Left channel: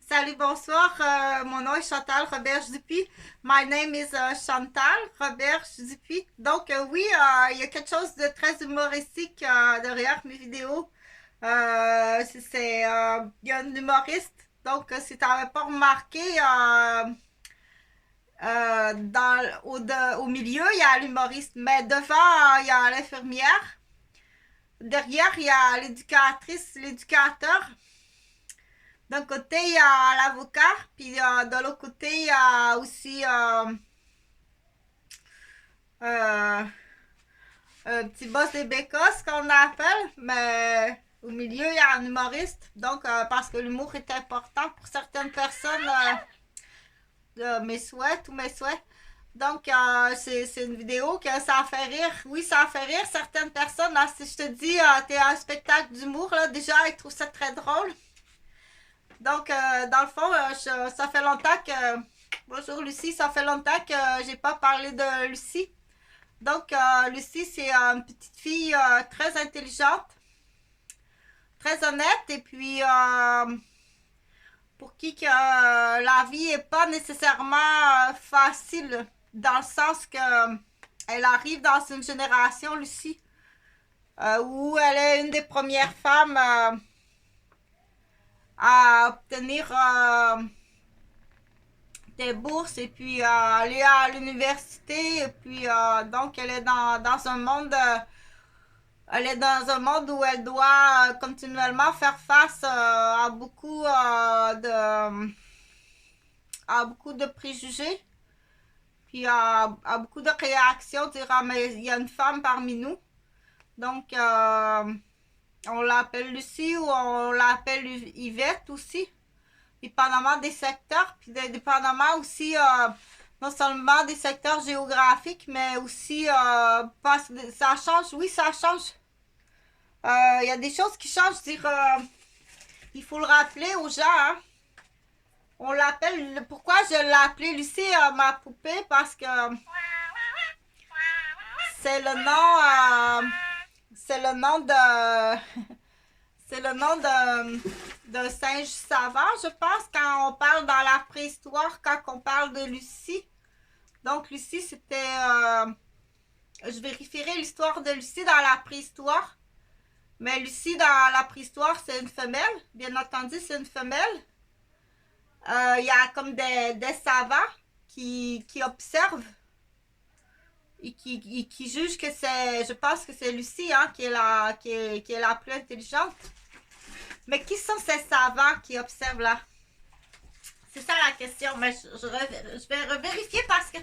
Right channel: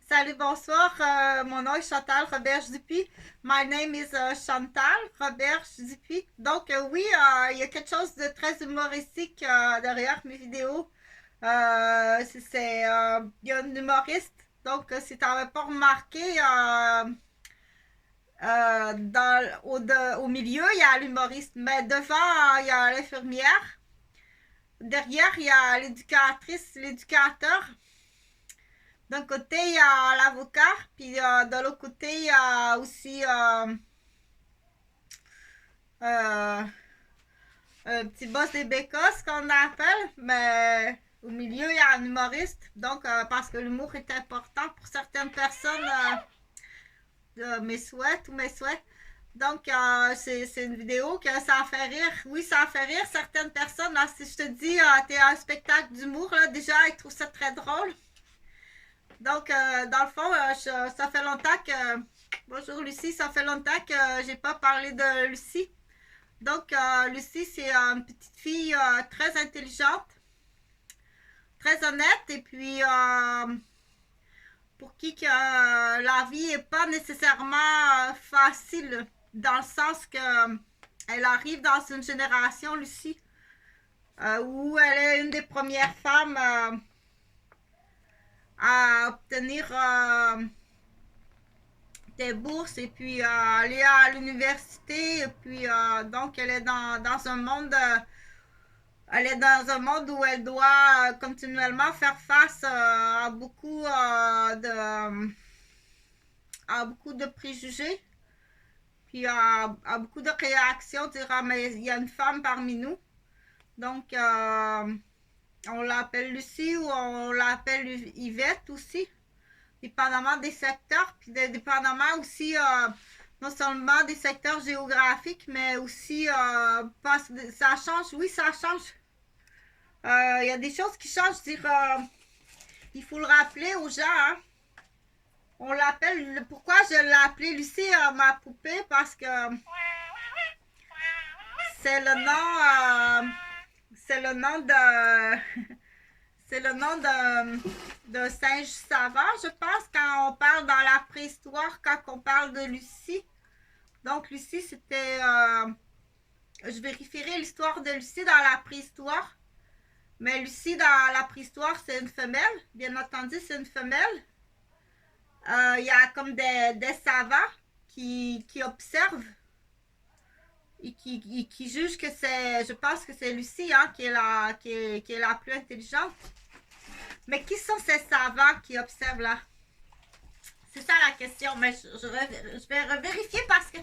Salut, bonsoir. Mon nom est Chantal Roberge-Dupuis. My name is Chantal Roberge-Dupuis. Donc, oui, il y a quelque chose de très humoristique derrière mes vidéos. Il y a un humoriste. Donc, si tu n'avais pas remarqué, au milieu, il y a l'humoriste. Mais devant, il y a l'infirmière. Derrière, il y a l'éducatrice, l'éducateur. D'un côté, il y a l'avocat, puis de l'autre côté, il y a aussi euh, un petit boss des bécosses qu'on appelle, mais au milieu, il y a un humoriste. Donc, parce que l'humour est important pour certaines personnes, mes souhaits, tous mes souhaits. Donc, c'est une vidéo que ça a fait rire. Oui, ça a fait rire certaines personnes. Là, si je te dis, t'es à un spectacle d'humour, là, déjà, ils trouvent ça très drôle. Donc, dans le fond, ça fait longtemps que... Bonjour Lucie, ça fait longtemps que j'ai pas parlé de Lucie. Donc, Lucie, c'est une petite fille très intelligente, très honnête, et puis pour qui que la vie est pas nécessairement facile, dans le sens que elle arrive dans une génération, Lucie, où elle est une des premières femmes à obtenir des bourses et puis aller à l'université et puis donc elle est dans un monde où elle doit continuellement faire face à beaucoup de préjugés puis à beaucoup de réactions, dire ah mais il y a une femme parmi nous, donc on l'appelle Lucie ou on l'appelle Yvette aussi, dépendamment des secteurs, puis dépendamment aussi non seulement des secteurs géographiques, mais aussi parce que ça change, oui, ça change. Il y a des choses qui changent, dire, il faut le rappeler aux gens. Hein. On l'appelle, pourquoi je l'ai appelée Lucie, ma poupée, parce que c'est le nom, c'est le nom de, c'est le nom d'un singe savant, je pense, quand on parle dans la préhistoire, quand on parle de Lucie. Donc, Lucie, c'était... je vérifierai l'histoire de Lucie dans la préhistoire. Mais Lucie, dans la préhistoire, c'est une femelle. Bien entendu, c'est une femelle. Il y a comme des savants qui observent et qui jugent que c'est... Je pense que c'est Lucie hein, qui est la plus intelligente. Mais qui sont ces savants qui observent là? C'est ça la question. Mais je vais revérifier parce que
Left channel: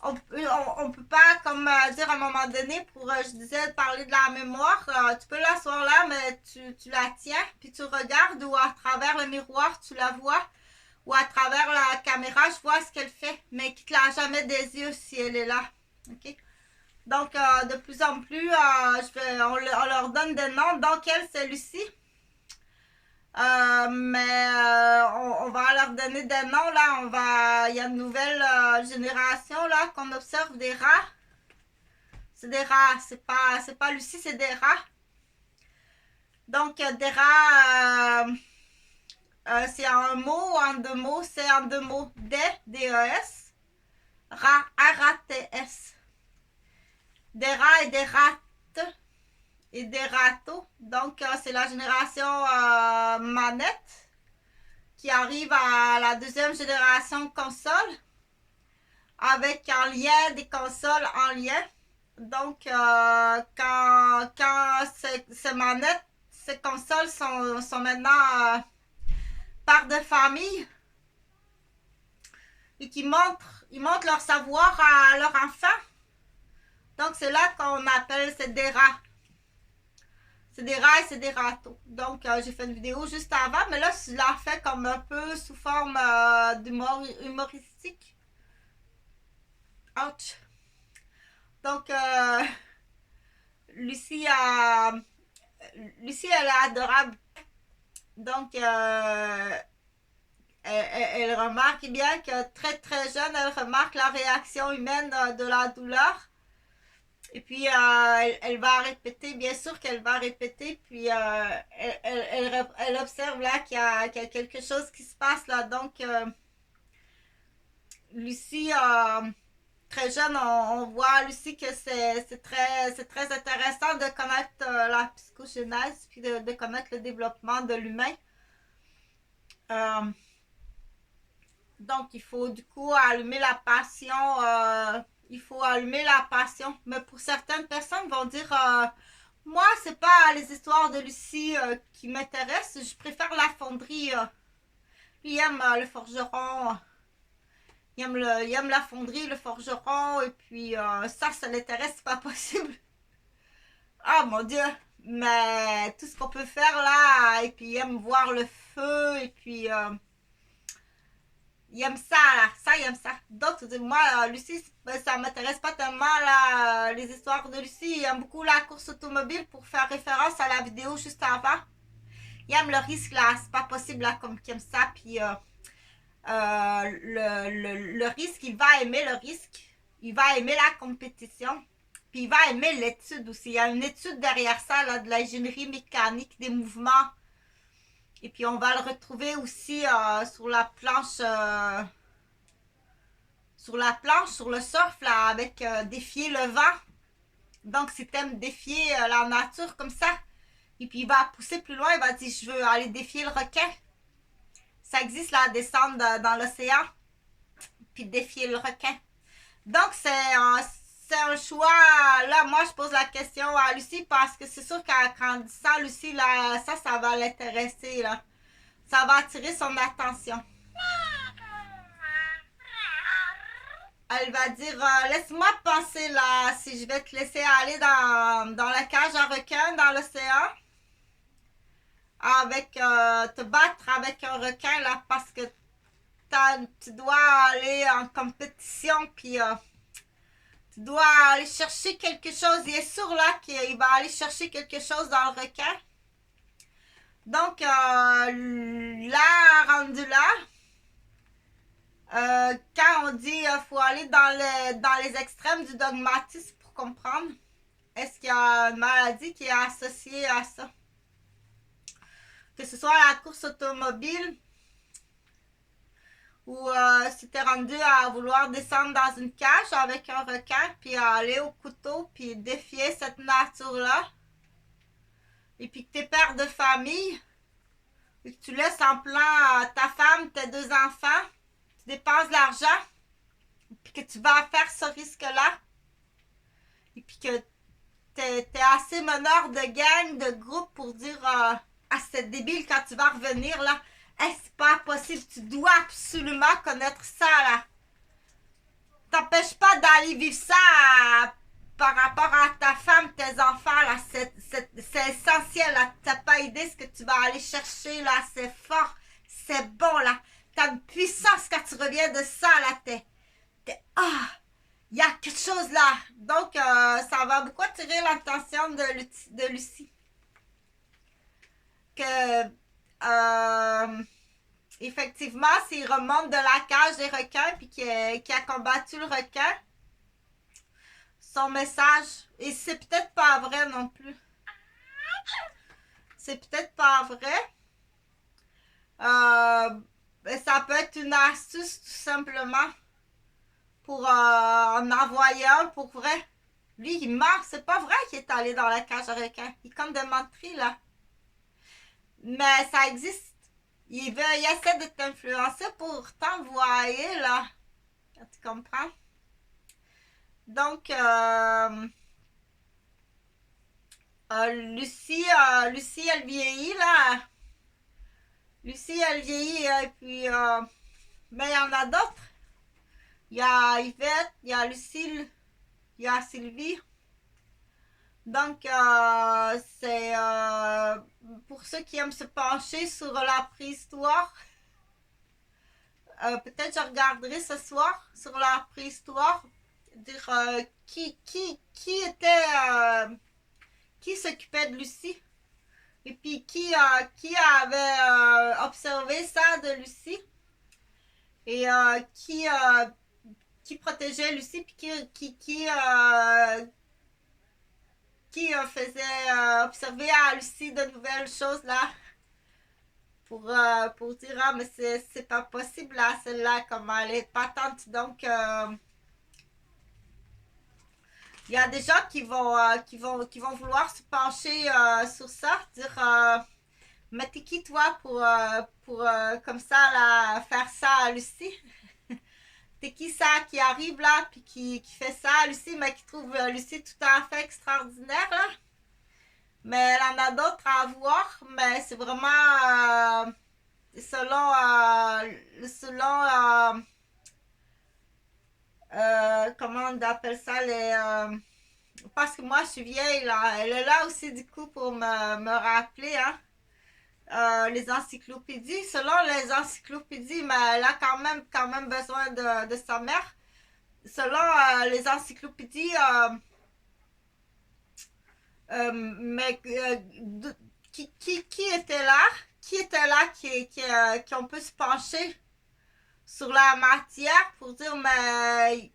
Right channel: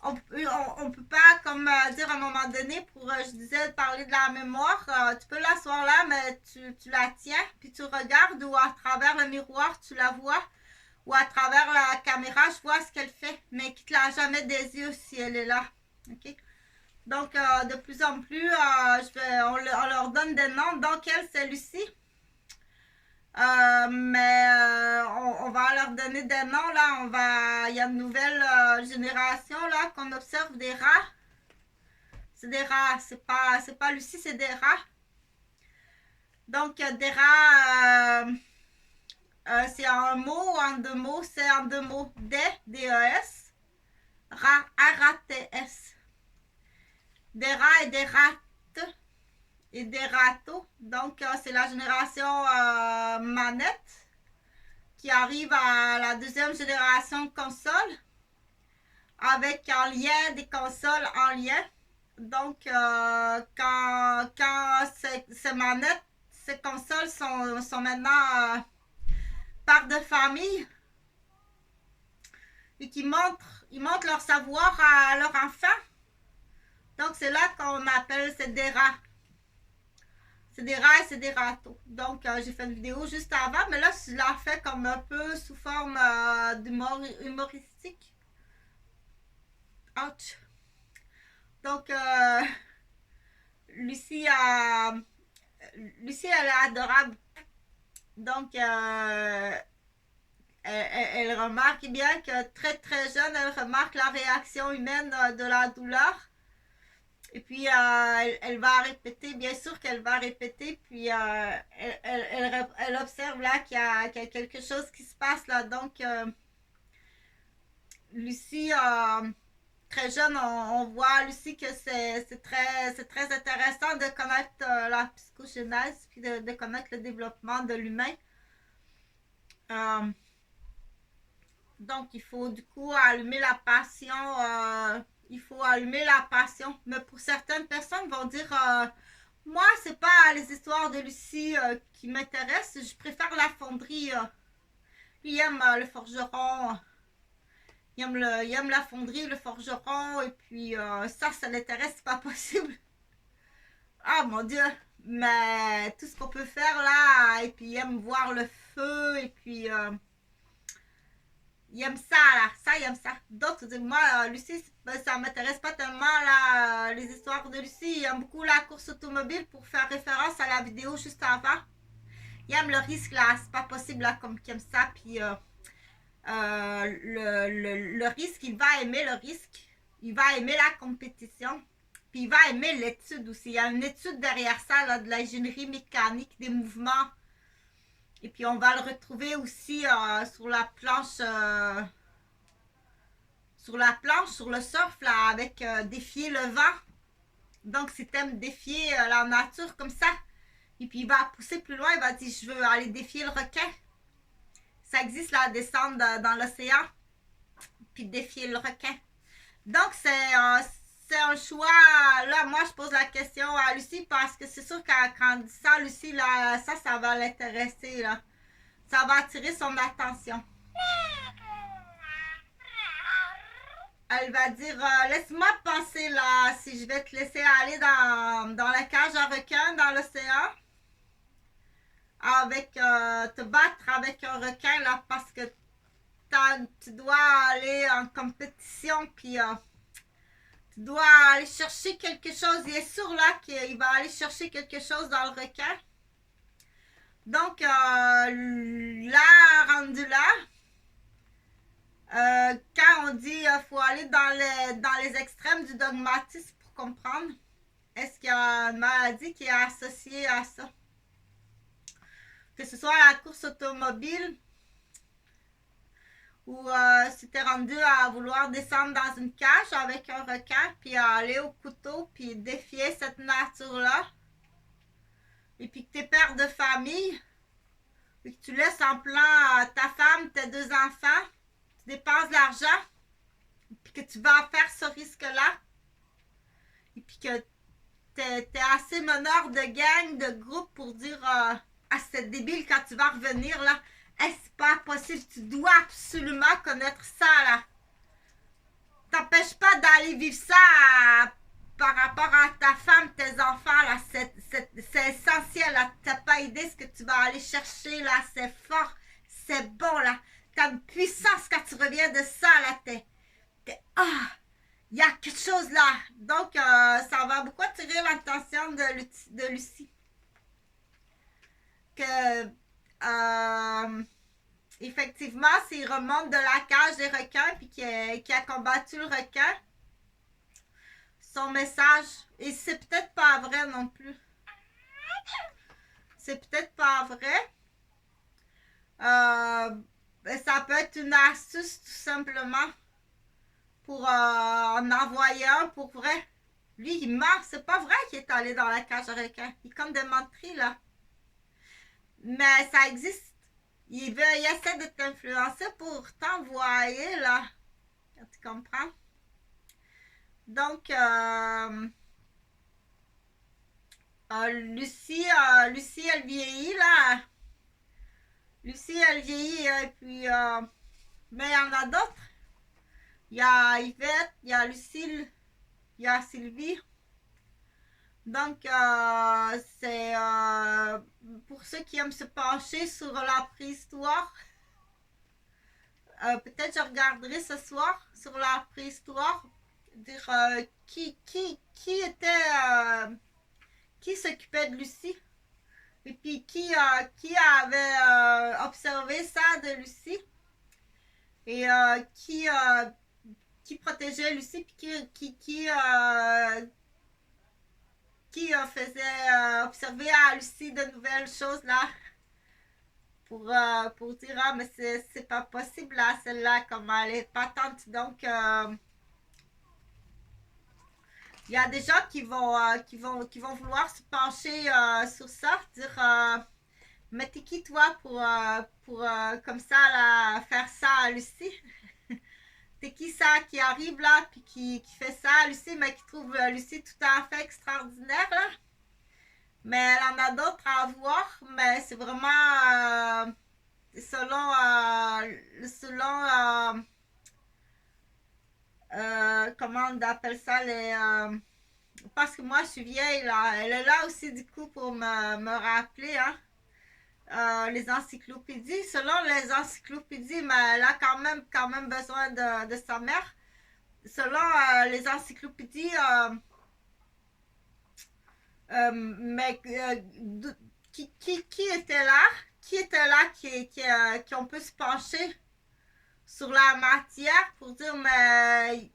on peut pas, comme dire à un moment donné, pour, je disais, parler de la mémoire, tu peux l'asseoir là, mais tu la tiens, puis tu regardes, ou à travers le miroir, tu la vois, ou à travers la caméra, je vois ce qu'elle fait, mais quitte la jamais des yeux si elle est là. OK? Donc, de plus en plus, on leur donne des noms. Donc, elle, c'est Lucie. Mais on va leur donner des noms là. Il y a une nouvelle génération là qu'on observe des rats. C'est des rats, c'est pas Lucie, c'est des rats. Donc des rats, c'est en un mot ou en deux mots, c'est en deux mots. D-E-S, rats, R-A-T-S. Des rats et des rates et des râteaux. Donc c'est la génération manette qui arrive à la deuxième génération console, avec en lien des consoles en lien. Donc, quand ces manettes, ces consoles sont maintenant par de famille et ils montrent leur savoir à leur enfant. Donc, c'est là qu'on appelle c'est des rats. C'est des rats et c'est des râteaux. Donc, j'ai fait une vidéo juste avant, mais là, je l'ai fait comme un peu sous forme d'humour humoristique. Ouch. Donc, Lucie, Lucie, elle est adorable. Donc, elle remarque bien que très très jeune, elle remarque la réaction humaine de la douleur. Et puis, elle va répéter, bien sûr qu'elle va répéter, puis elle observe là qu'il y a quelque chose qui se passe là. Donc, Lucie, très jeune, on voit Lucie que c'est très intéressant de connaître la psychogenèse, puis de connaître le développement de l'humain. Euh, donc, il faut du coup allumer la passion. Il faut allumer la passion. Mais pour certaines personnes vont dire moi, c'est pas les histoires de Lucie qui m'intéressent. Je préfère la fonderie. Lui, il aime le forgeron. Il aime la fonderie, le forgeron. Et puis, ça l'intéresse, c'est pas possible. Ah mon Dieu! Mais tout ce qu'on peut faire là. Et puis, il aime voir le feu. Et puis. Il aime ça, là. Ça, il aime ça. D'autres disent, moi, Lucie, ça m'intéresse pas tellement, là, les histoires de Lucie. Il aime beaucoup la course automobile pour faire référence à la vidéo juste avant. Il aime le risque, là. C'est pas possible, là, comme qu'il aime ça. Puis, le risque, il va aimer le risque. Il va aimer la compétition. Puis, il va aimer l'étude aussi. Il y a une étude derrière ça, là, de l'ingénierie mécanique des mouvements. Et puis, on va le retrouver aussi sur la planche sur le surf, là, avec défier le vent. Donc, si t'aimes défier la nature comme ça, et puis il va pousser plus loin, il va dire, je veux aller défier le requin. Ça existe, là, descendre dans l'océan, puis défier le requin. Donc, c'est un choix. Là, moi, je pose la question à Lucie parce que c'est sûr qu'à quand on dit ça, Lucie, là, ça va l'intéresser, là. Ça va attirer son attention. Elle va dire laisse-moi penser là si je vais te laisser aller dans la cage à requin dans l'océan avec te battre avec un requin là parce que tu dois aller en compétition puis tu dois aller chercher quelque chose. Il est sûr là qu'il va aller chercher quelque chose dans le requin. Donc là, rendu là, quand on dit qu'il faut aller dans les extrêmes du dogmatisme pour comprendre, est-ce qu'il y a une maladie qui est associée à ça? Que ce soit la course automobile ou si tu es rendu à vouloir descendre dans une cage avec un requin puis aller au couteau puis défier cette nature-là et puis que tu es père de famille et que tu laisses en plan ta femme, tes deux enfants, tu dépenses de l'argent puis que tu vas faire ce risque-là et puis que t'es assez meneur de gang, de groupe pour dire ah c'est débile quand tu vas revenir là. Hey, c'est pas possible, tu dois absolument connaître ça là. T'empêches pas d'aller vivre ça par rapport à ta femme, tes enfants là. C'est essentiel là. T'as pas idée ce que tu vas aller chercher là. C'est fort, c'est bon là. T'as une puissance quand tu reviens de ça là. Il y a quelque chose là. Donc, ça va beaucoup attirer l'attention de Lucie. Que, effectivement, s'il remonte de la cage des requins puis qu'il a combattu le requin, son message, et c'est peut-être pas vrai non plus. C'est peut-être pas vrai. Ça peut être une astuce tout simplement pour en envoyer un pour vrai. Lui, il ment. C'est pas vrai qu'il est allé dans la cage à requins. Il est comme des menteries, là. Mais ça existe. Il essaie de t'influencer pour t'envoyer, là. Tu comprends? Donc, Lucie, elle vieillit, là. Lucie, elle vieillit, et puis... mais il y en a d'autres. Il y a Yvette, il y a Lucille, il y a Sylvie. Donc, c'est pour ceux qui aiment se pencher sur la préhistoire. Peut-être je regarderai ce soir sur la préhistoire. Dire qui était. Qui s'occupait de Lucie. Et puis qui avait observé ça de Lucie. Et qui protégeait Lucie. Puis qui faisait observer à Lucie de nouvelles choses là pour dire ah mais c'est pas possible là celle-là comme elle est patente donc il y a des gens qui vont vouloir se pencher sur ça, dire mais t'es qui toi pour comme ça là, faire ça à Lucie? T'es qui ça qui arrive là puis qui fait ça à Lucie mais qui trouve Lucie tout à fait extraordinaire là? Mais elle en a d'autres à voir, mais c'est vraiment selon comment on appelle ça parce que moi je suis vieille là, elle est là aussi du coup pour me rappeler hein. Les encyclopédies, selon les encyclopédies, mais elle a quand même besoin de sa mère. Selon les encyclopédies, mais qui était là? Qui était là qui on peut se pencher sur la matière pour dire, mais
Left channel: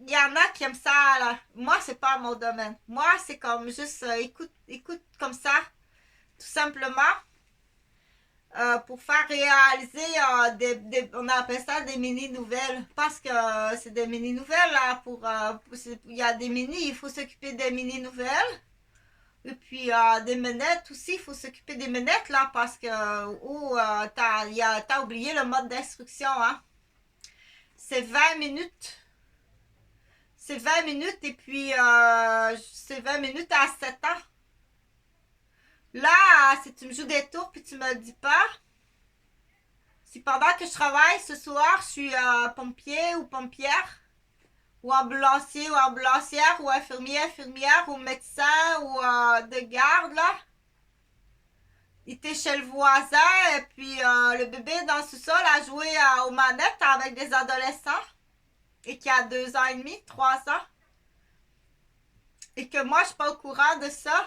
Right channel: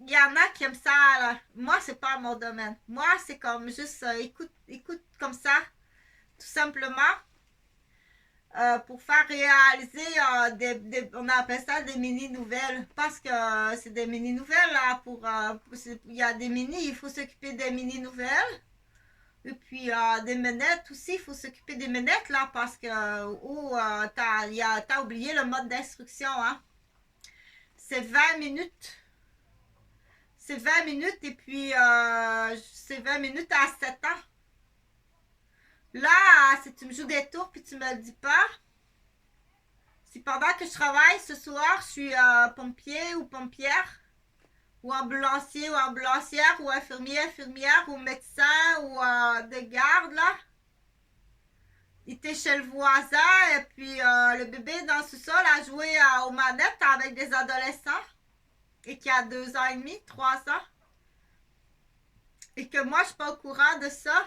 il y en a qui aiment ça, là. Moi, c'est pas mon domaine. Moi, c'est comme juste écoute comme ça, tout simplement. Pour faire réaliser on appelle ça des mini-nouvelles parce que c'est des mini-nouvelles là il y a des mini, il faut s'occuper des mini-nouvelles et puis des menettes aussi, il faut s'occuper des menettes là parce que t'as oublié le mode d'instruction hein. C'est 20 minutes et puis c'est 20 minutes à 7 ans. Là, si tu me joues des tours puis tu me le dis pas, si pendant que je travaille ce soir, je suis pompier ou pompière, ou ambulancier ou ambulancière, ou infirmière, ou médecin, ou de garde, là, il était chez le voisin, et puis le bébé dans le sous-sol a joué aux manettes avec des adolescents, et qui a 2 ans et demi, 3 ans, et que moi, je suis pas au courant de ça,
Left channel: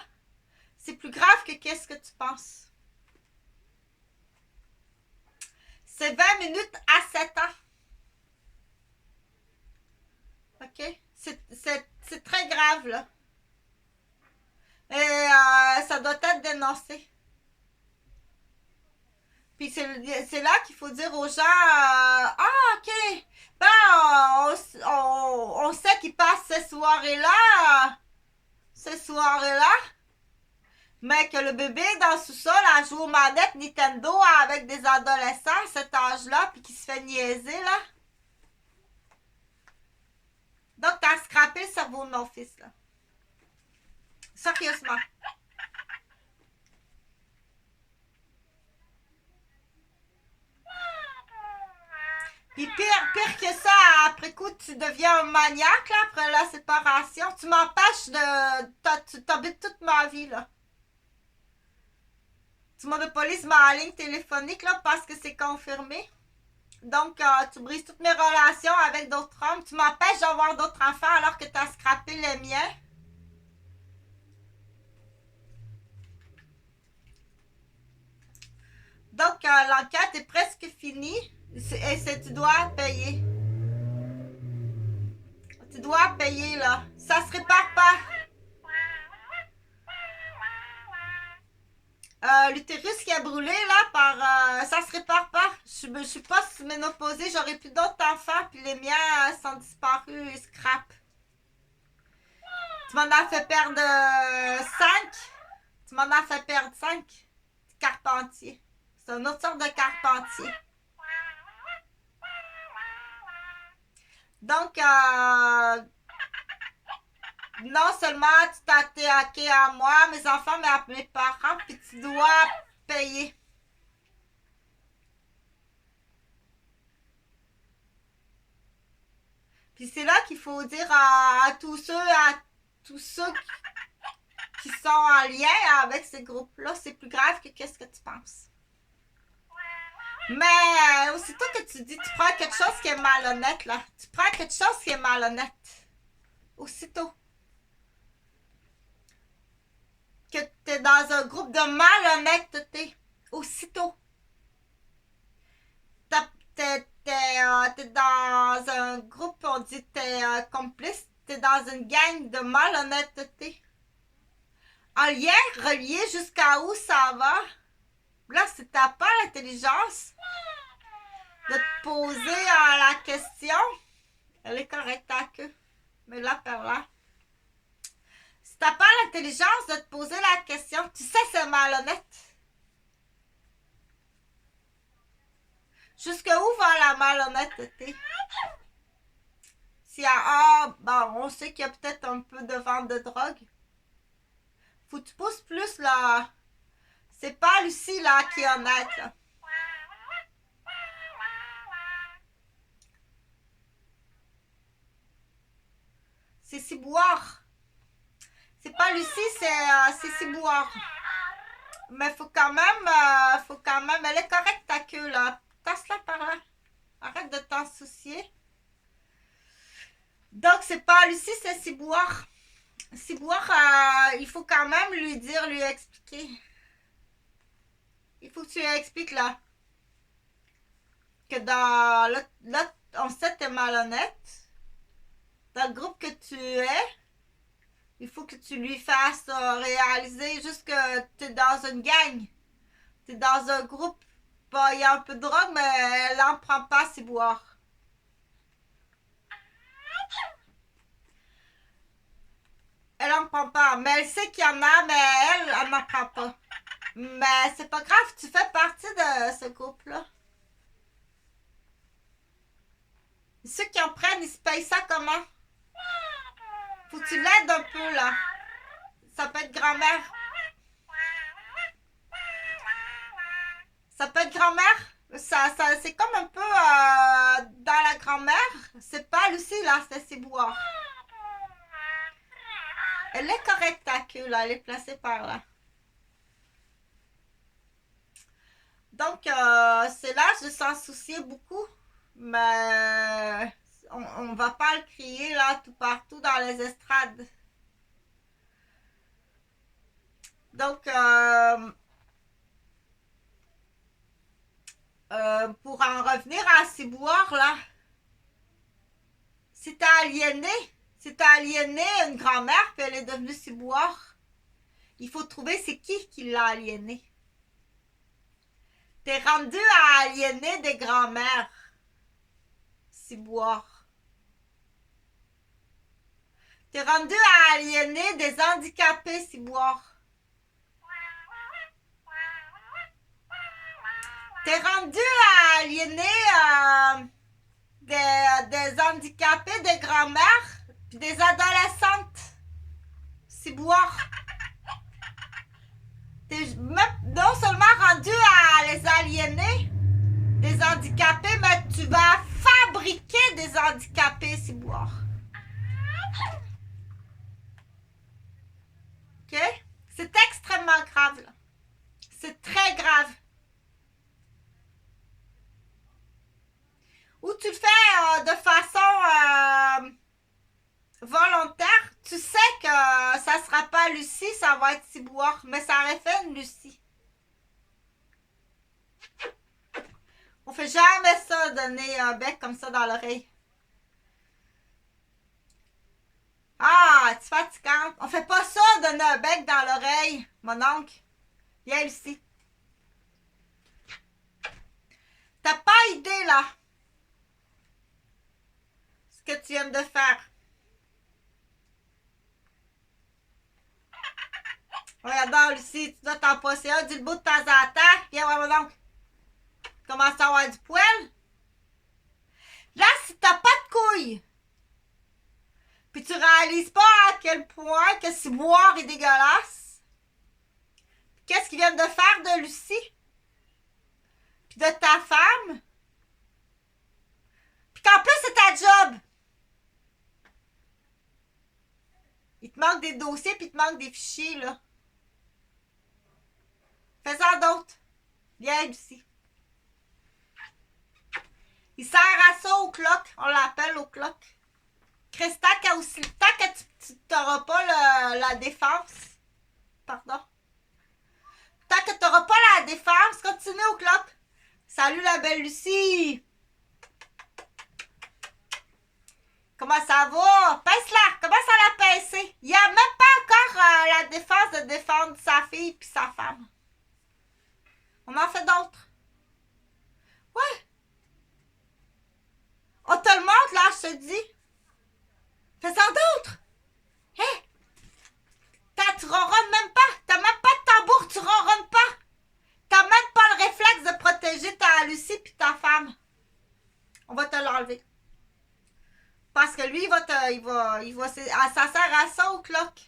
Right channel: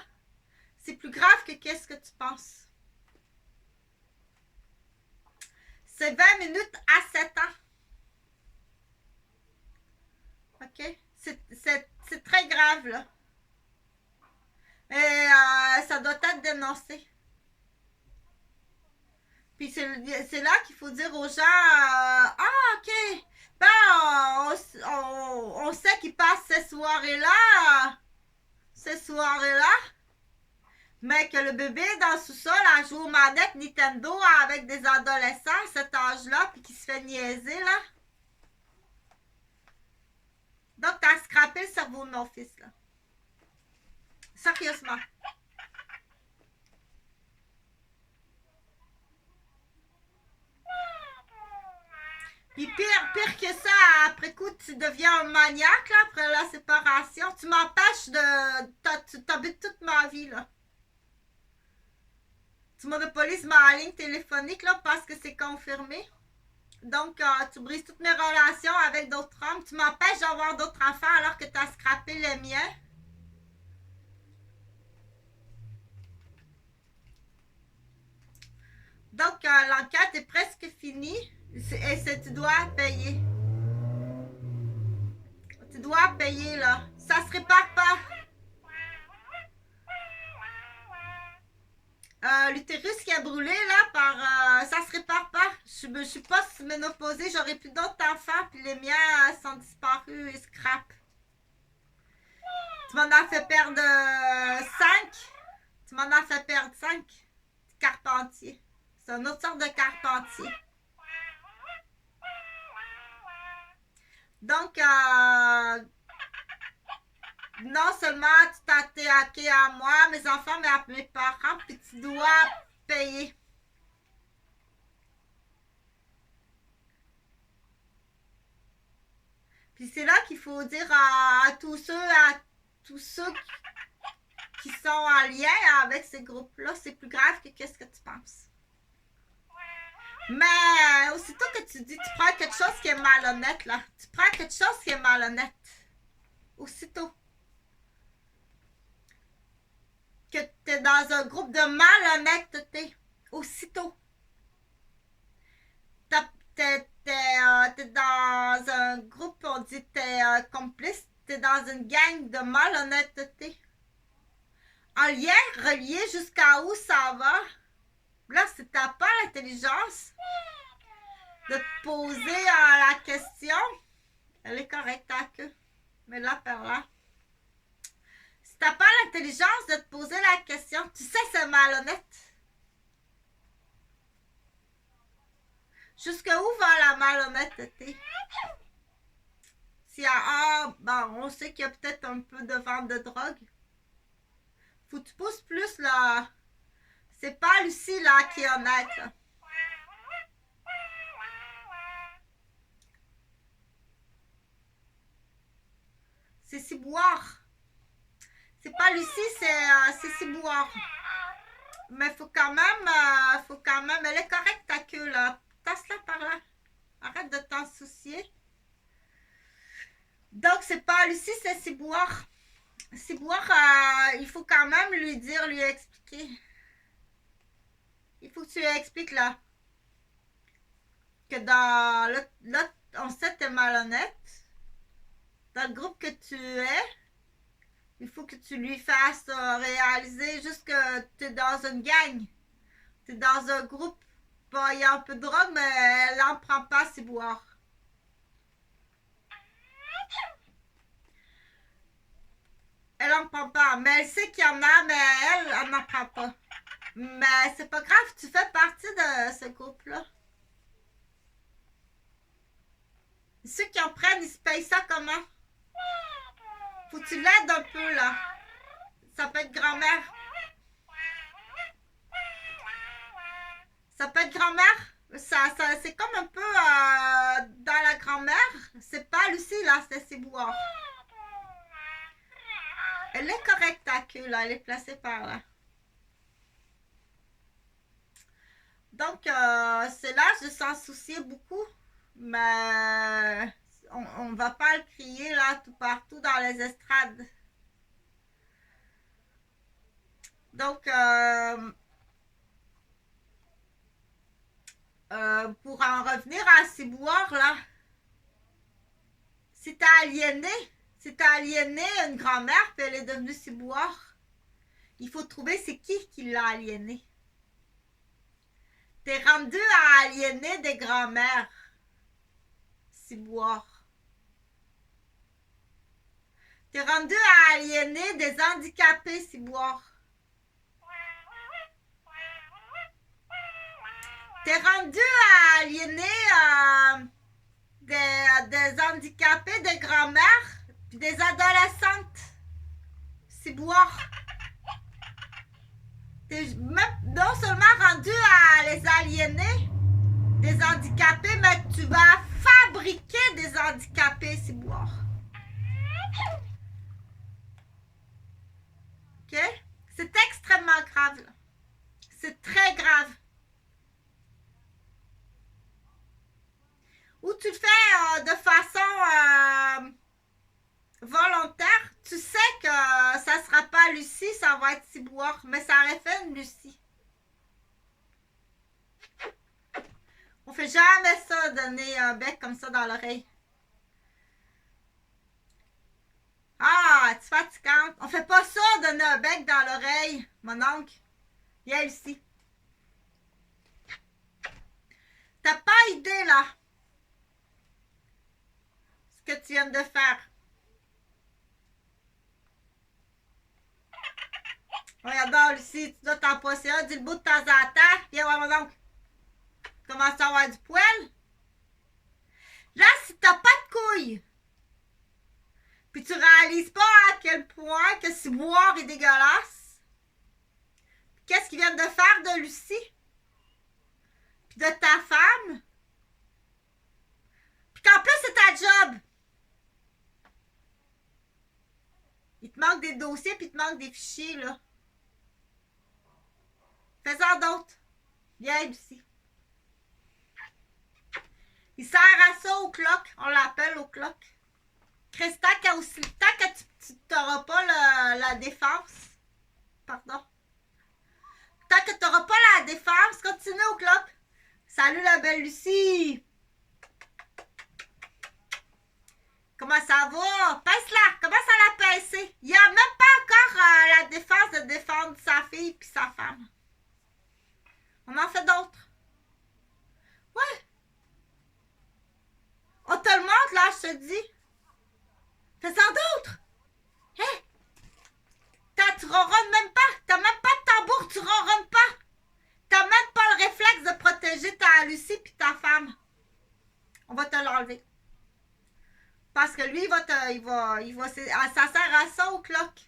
c'est plus grave que qu'est-ce que tu penses. C'est 20 minutes à 7 ans. OK? C'est très grave, là. Et ça doit être dénoncé. Puis c'est là qu'il faut dire aux gens ah, OK. Ben, on sait qu'ils passent ces soirées-là. Mais que le bébé dans le sous-sol a joué aux manettes Nintendo avec des adolescents à cet âge-là, puis qui se fait niaiser, là. Donc, t'as scrappé le cerveau de mon fils, là. Sérieusement. Puis pire que ça, après coup, tu deviens un maniaque, là, après la séparation. Tu m'empêches de... T'habites toute ma vie, là. Tu monopolises ma ligne téléphonique, là, parce que c'est confirmé. Donc, tu brises toutes mes relations avec d'autres hommes. Tu m'empêches d'avoir d'autres enfants alors que tu as scrappé les miens. Donc, l'enquête est presque finie. Et tu dois payer. Tu dois payer, là. Ça se répare pas. L'utérus qui a brûlé, là, ça se répare pas. Je suis pas ménopausée, j'aurais plus d'autres enfants, puis les miens sont disparus et scrap. Tu m'en as fait perdre 5. Tu m'en as fait perdre 5. Carpentier. C'est une autre sorte de carpentier. Donc, non seulement tu t'as attaqué à moi, mes enfants, mais à mes parents, puis tu dois payer. Puis c'est là qu'il faut dire à tous ceux qui sont en lien avec ces groupes-là, c'est plus grave que qu'est-ce que tu penses. Mais aussitôt que tu dis, tu prends quelque chose qui est malhonnête, là. Tu prends quelque chose qui est malhonnête. Aussitôt. Que tu es dans un groupe de malhonnêteté. Aussitôt. T'es dans un groupe, on dit t'es complice. T'es dans une gang de malhonnêteté. En lien, relié jusqu'à où ça va? Là, si t'as pas l'intelligence de te poser la question, elle est correcte ta queue. Mais là, par là. Si t'as pas l'intelligence de te poser la question, tu sais c'est malhonnête. Jusqu'où va la malhonnêteté? S'il y a bon, on sait qu'il y a peut-être un peu de vente de drogue. Faut que tu pousses plus là. C'est pas Lucie là qui est honnête là. C'est Ciboire. C'est pas Lucie, c'est Ciboire. Mais faut quand même, elle est correcte ta queue là. Tasse-la par là. Arrête de t'en soucier. Donc c'est pas Lucie, c'est Ciboire. Ciboire, il faut quand même lui dire, lui expliquer. Il faut que tu lui expliques là. Que dans là, on sait que t'es malhonnête. Dans le groupe que tu es, il faut que tu lui fasses réaliser juste que tu es dans une gang. Tu es dans un groupe. Bon, il y a un peu de drogue, mais elle n'en prend pas, c'est boire. Elle n'en prend pas. Mais elle sait qu'il y en a, mais elle n'en prend pas. Mais c'est pas grave, tu fais partie de ce groupe-là. Ceux qui en prennent, ils se payent ça comment? Faut que tu l'aides un peu, là. Ça peut être grand-mère. Ça peut être grand-mère. C'est comme un peu dans la grand-mère. C'est pas Lucie, là, c'est Ciboire. Elle est correcte, ta queue, là. Elle est placée par là. Donc, c'est l'âge de s'en soucier beaucoup. Mais on va pas le crier, là, tout partout dans les estrades. Donc, pour en revenir à Ciboire, là, si t'as aliéné une grand-mère puis elle est devenue Ciboire, il faut trouver c'est qui l'a aliénée. T'es rendu à aliéner des grand-mères, Ciboire. T'es rendu à aliéner des handicapés, Ciboire. T'es rendu à aliéner des handicapés, des grand-mères, puis des adolescentes. Ciboire. T'es non seulement rendu à les aliéner, des handicapés, mais tu vas fabriquer des handicapés, Ciboire. OK? C'est extrêmement grave, là. C'est très grave. Ou tu le fais de façon volontaire, tu sais que ça sera pas Lucie, ça va être Ciboire, mais ça aurait fait une Lucie. On fait jamais ça, donner un bec comme ça dans l'oreille. Ah, tu es fatigante. On fait pas ça, donner un bec dans l'oreille, mon oncle. Viens ici. T'as pas idée, là, ce que tu viens de faire. Regarde, Lucie, tu dois t'en passer un du bout de temps en temps. Viens voir mon oncle. Commence à avoir du poil. Là, si t'as pas de couilles, puis tu réalises pas à quel point que Ciboire est dégueulasse, qu'est-ce qu'ils viennent de faire de Lucie, puis de ta femme, puis qu'en plus c'est ta job. Il te manque des dossiers, puis il te manque des fichiers, là. Fais-en d'autres. Viens, Lucie. Il sert à ça au clock. On l'appelle au clock. Christa, tant que tu n'auras pas la défense. Pardon. Tant que tu n'auras pas la défense, continue au clock. Salut la belle Lucie. Comment ça va? Pince-la! Commence à la pincer. Il n'y a même pas encore la défense de défendre sa fille puis sa femme. On en fait d'autres. Ouais. On te le montre, là, je te dis. Fais-en d'autres. Hein? Tu ronronnes même pas. T'as même pas de tambour, tu ronronnes pas. T'as même pas le réflexe de protéger ta Lucie puis ta femme. On va te l'enlever. Parce que lui, ça sert à ça au clock.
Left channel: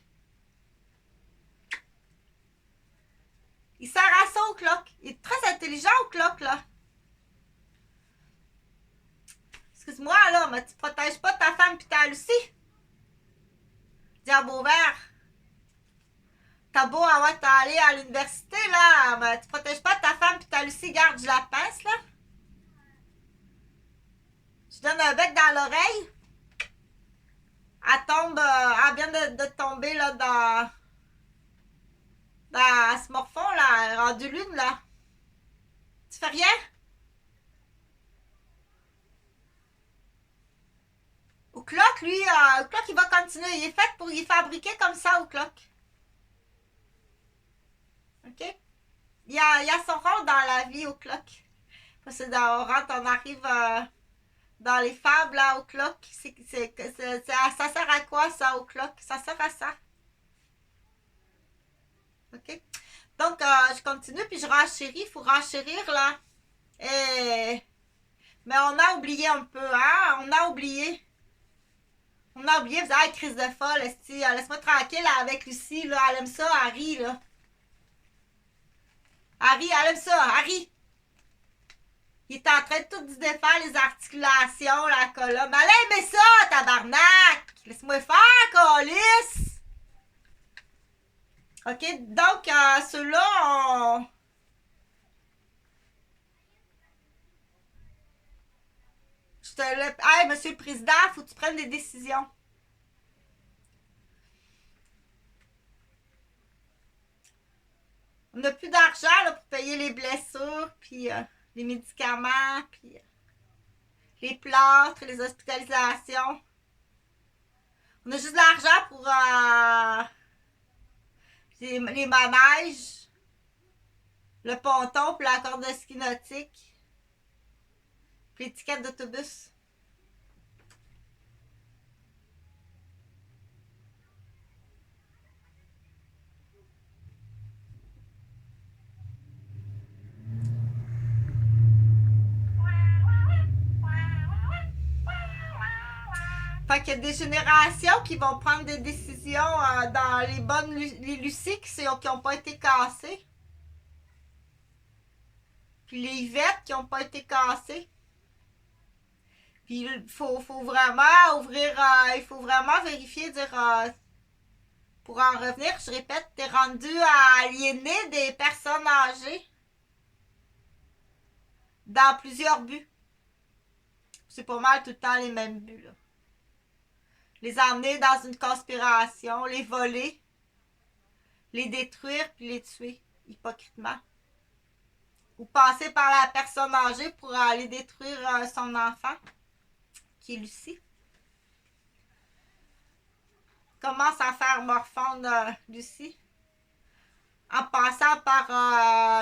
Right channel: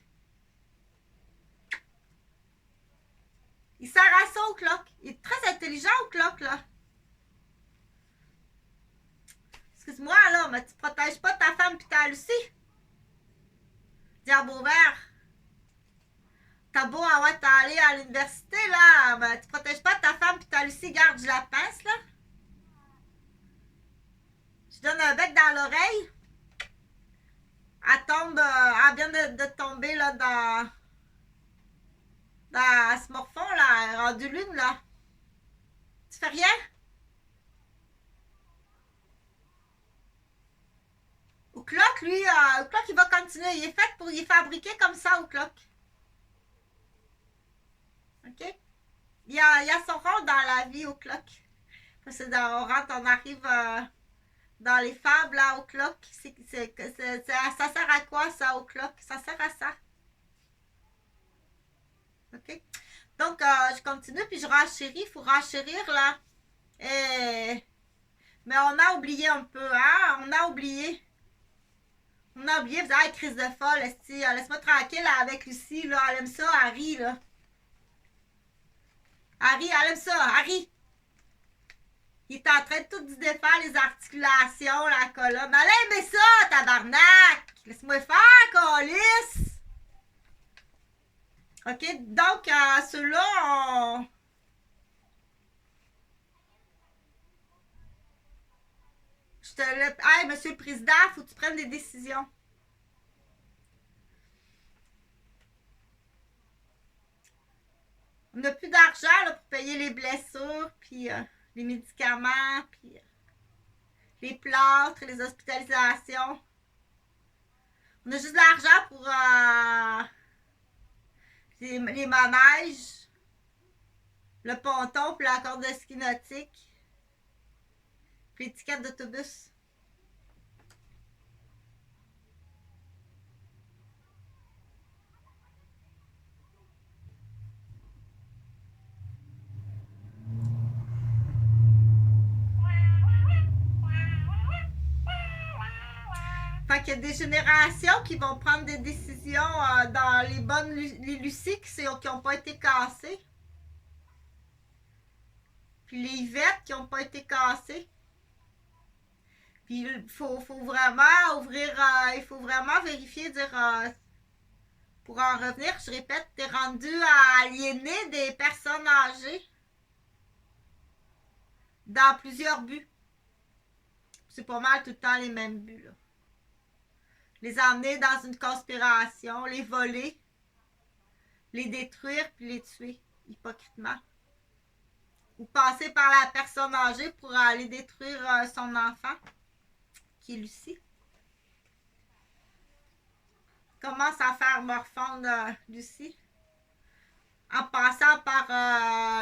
Il sert à ça au clock. Il est très intelligent au clock, là. Excuse-moi, là, mais tu protèges pas ta femme pis ta Lucie. Diable vert. T'as beau aller à l'université, là, mais tu protèges pas ta femme pis ta Lucie, garde, je la pince, là. Je donne un bec dans l'oreille. Elle vient de tomber, là, dans ce morphon, là, rendu lune, là. Tu fais rien? Au clock, lui, au clock, il va continuer. Il est fabriqué comme ça, au clock. OK? Il a son rôle dans la vie, au clock. Parce que on arrive dans les fables, là, au clock. Ça sert à quoi, ça, au clock? Ça sert à ça. OK? Donc, je continue, puis je renchéris. Il faut renchérir, là. Mais on a oublié un peu, hein? On a oublié, vous avez crise de folle, laisse-moi tranquille là, avec Lucie, là. Elle aime ça, Harry, là. Harry, elle aime ça, Harry. Il est en train de tout défaire les articulations, la colonne. Elle aimait ça, tabarnak! Laisse-moi faire, câlisse! OK, donc, ceux-là, Hey, monsieur le président, faut que tu prennes des décisions. On n'a plus d'argent là, pour payer les blessures, puis les médicaments, puis les plâtres, les hospitalisations. On a juste de l'argent pour les manèges, le ponton, puis la corde de ski nautique, puis les tickets d'autobus. Fait qu'il y a des générations qui vont prendre des décisions dans les Lucie qui n'ont pas été cassées. Puis les Yvettes qui n'ont pas été cassées. Puis il faut vraiment ouvrir, il faut vraiment vérifier, dire, pour en revenir, je répète, t'es rendu à aliéner des personnes âgées dans plusieurs buts. C'est pas mal tout le temps les mêmes buts, là. Les emmener dans une conspiration, les voler, les détruire puis les tuer, hypocritement. Ou passer par la personne âgée pour aller détruire son enfant, qui est Lucie. Commence à faire morfondre Lucie. En passant par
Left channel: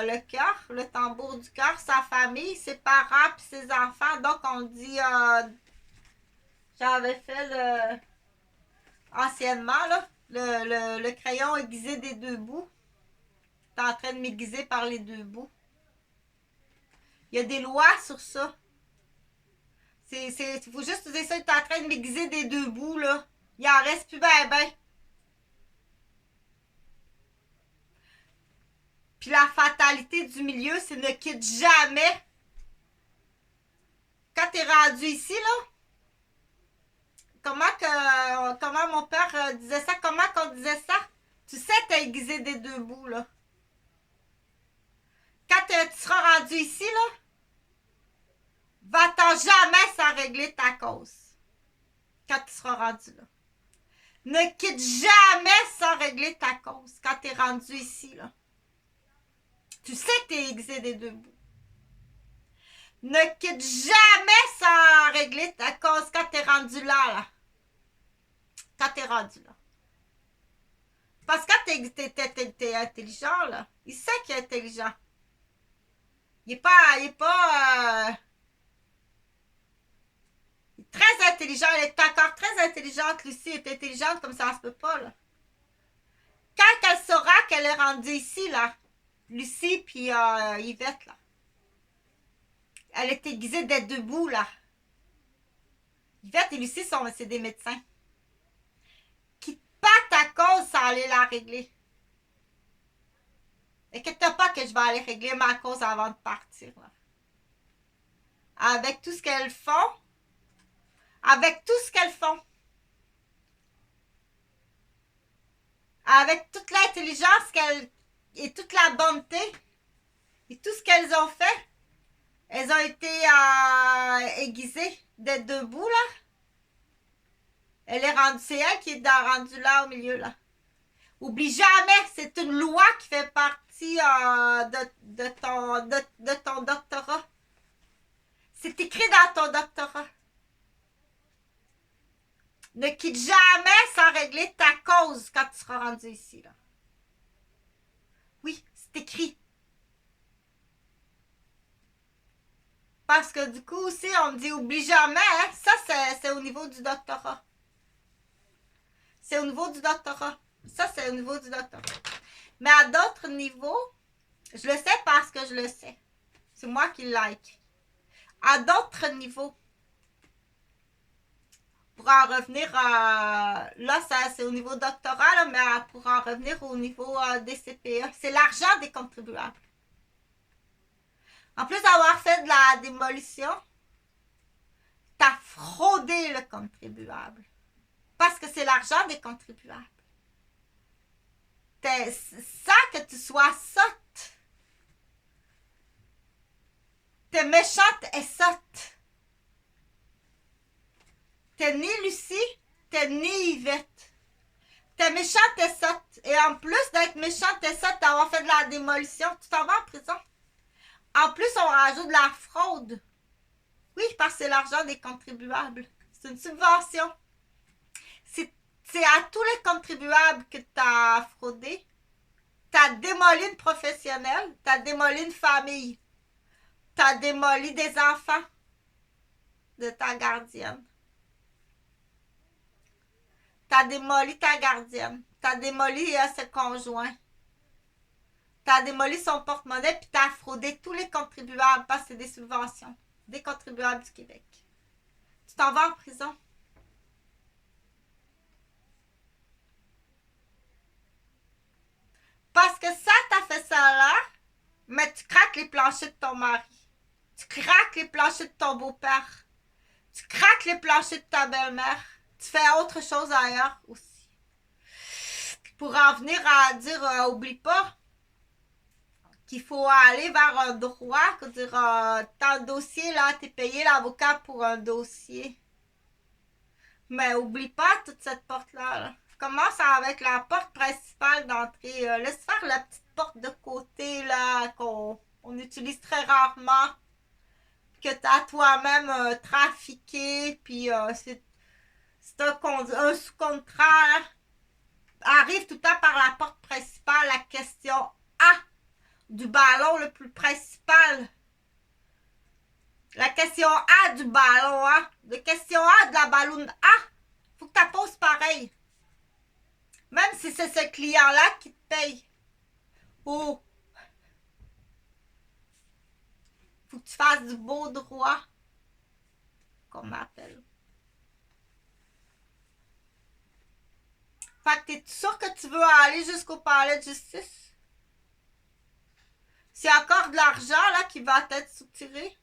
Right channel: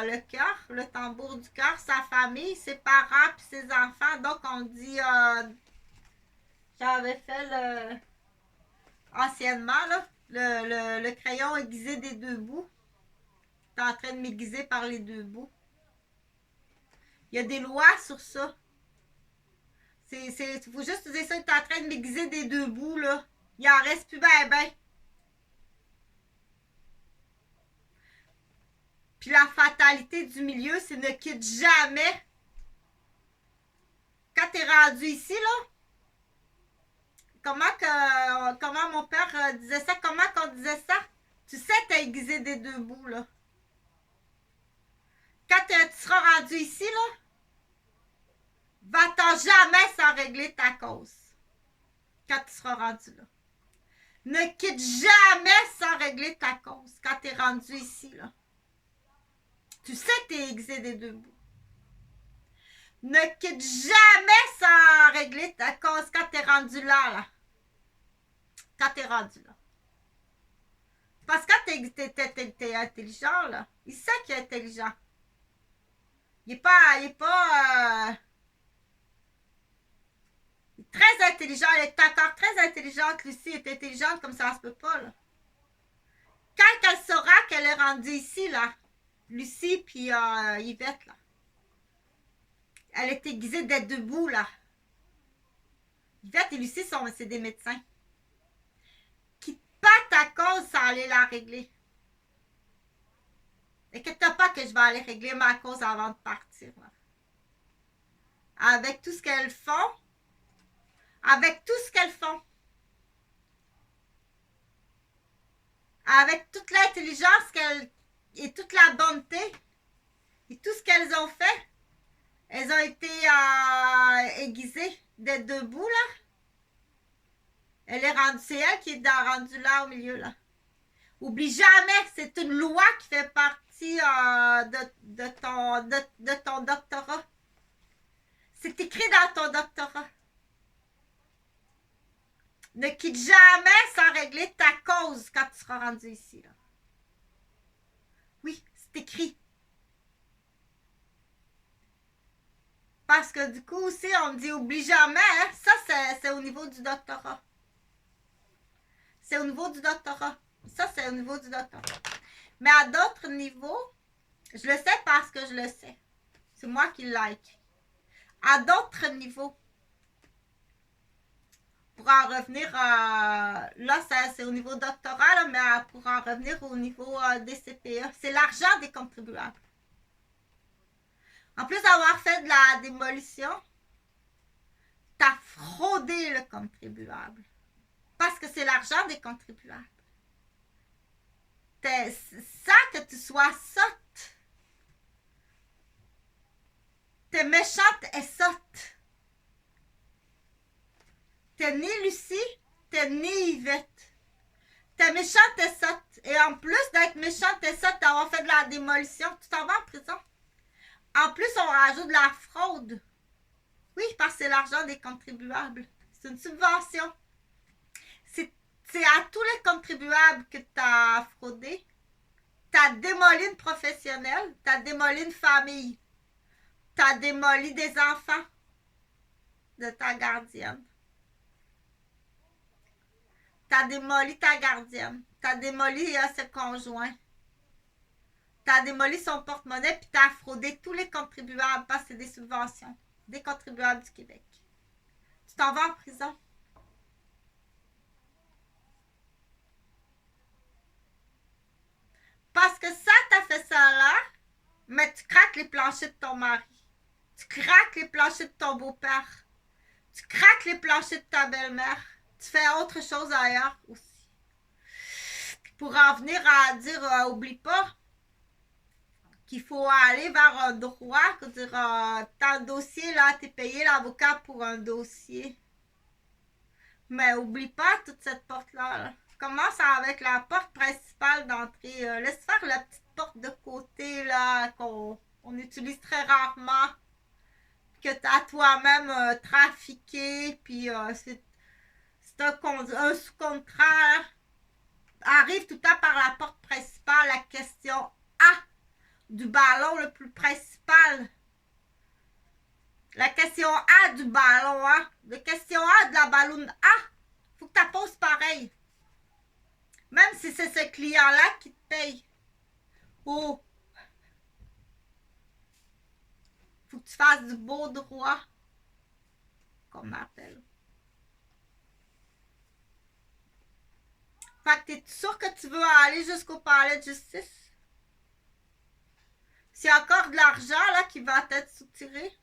le cœur, le tambour du cœur, sa famille, ses parents puis ses enfants. Donc on dit, j'avais fait anciennement, là, le crayon aiguisé des deux bouts. T'es en train de m'aiguiser par les deux bouts. Il y a des lois sur ça. Il faut juste dire ça, t'es en train de m'aiguiser des deux bouts, là. Il en reste plus ben. Puis la fatalité du milieu, c'est ne quitte jamais. Quand t'es rendu ici, là, comment mon père disait ça? Comment qu'on disait ça? Tu sais, t'as aiguisé des deux bouts, là. Quand tu seras rendu ici, là, va-t'en jamais sans régler ta cause. Quand tu seras rendu là. Ne quitte jamais sans régler ta cause quand tu es rendu ici, là. Tu sais que tu es aiguisé des deux bouts. Ne quitte jamais sans régler ta cause quand tu es rendu là, là. quand t'es rendu là. Parce que quand t'es intelligent, là, il sait qu'il est intelligent. Il est très intelligent. Elle est encore très intelligente. Lucie est intelligente comme ça se peut pas, là. Quand elle saura qu'elle est rendue ici, là, Lucie puis Yvette, là, elle est aiguisée d'être debout, là. Yvette et Lucie c'est des médecins. Quitte pas ta cause sans aller la régler. Inquiète-toi pas que je vais aller régler ma cause avant de partir, là. Avec tout ce qu'elles font, avec l'intelligence et toute la bonté et tout ce qu'elles ont fait, elles ont été aiguisées d'être debout, là. C'est elle qui est rendue là au milieu, là. Oublie jamais, c'est une loi qui fait partie de ton doctorat. C'est écrit dans ton doctorat. Ne quitte jamais sans régler ta cause quand tu seras rendu ici, là. Oui, c'est écrit. Parce que du coup aussi, on me dit oublie jamais, hein? Ça c'est au niveau du doctorat. C'est au niveau du doctorat. Ça, c'est au niveau du doctorat. Mais à d'autres niveaux, je le sais parce que je le sais. C'est moi qui like. À d'autres niveaux, pour en revenir, là, c'est au niveau doctorat, là, mais pour en revenir au niveau des CPE, c'est l'argent des contribuables. En plus d'avoir fait de la démolition, t'as fraudé le contribuable. Parce que c'est l'argent des contribuables. Sans que tu sois sotte. T'es méchante et sotte. T'es ni Lucie, t'es ni Yvette. T'es méchante et sotte. Et en plus d'être méchante et sotte, d'avoir fait de la démolition, tu t'en vas en prison. En plus, on rajoute de la fraude. Oui, parce que c'est l'argent des contribuables. C'est une subvention. C'est à tous les contribuables que tu as fraudé. Tu as démoli une professionnelle. Tu as démoli une famille. Tu as démoli des enfants de ta gardienne. Tu as démoli ta gardienne. Tu as démoli ses conjoints. Tu as démoli son porte-monnaie puis tu as fraudé tous les contribuables parce que c'est des subventions. Des contribuables du Québec. Tu t'en vas en prison. Parce que ça, t'as fait ça là, mais tu craques les planchers de ton mari. Tu craques les planchers de ton beau-père. Tu craques les planchers de ta belle-mère. Tu fais autre chose ailleurs aussi. Pour en venir à dire, oublie pas qu'il faut aller vers un droit, dire, t'as un dossier là, t'es payé l'avocat pour un dossier. Mais oublie pas toute cette porte-là. Là. Commence avec la porte principale d'entrée. Laisse faire la petite porte de côté là qu'on utilise très rarement. Que tu as toi-même trafiqué. Puis c'est un sous-contrat. Arrive tout le temps par la porte principale. La question A du ballon le plus principal. La question A du ballon A. La question A de la balloune A. Faut que tu poses pareil. Même si c'est ce client-là qui te paye. Ou faut que tu fasses du beau droit. Qu'on m'appelle. Fait que t'es sûr que tu veux aller jusqu'au palais de justice? C'est encore de l'argent là qui va être soutiré.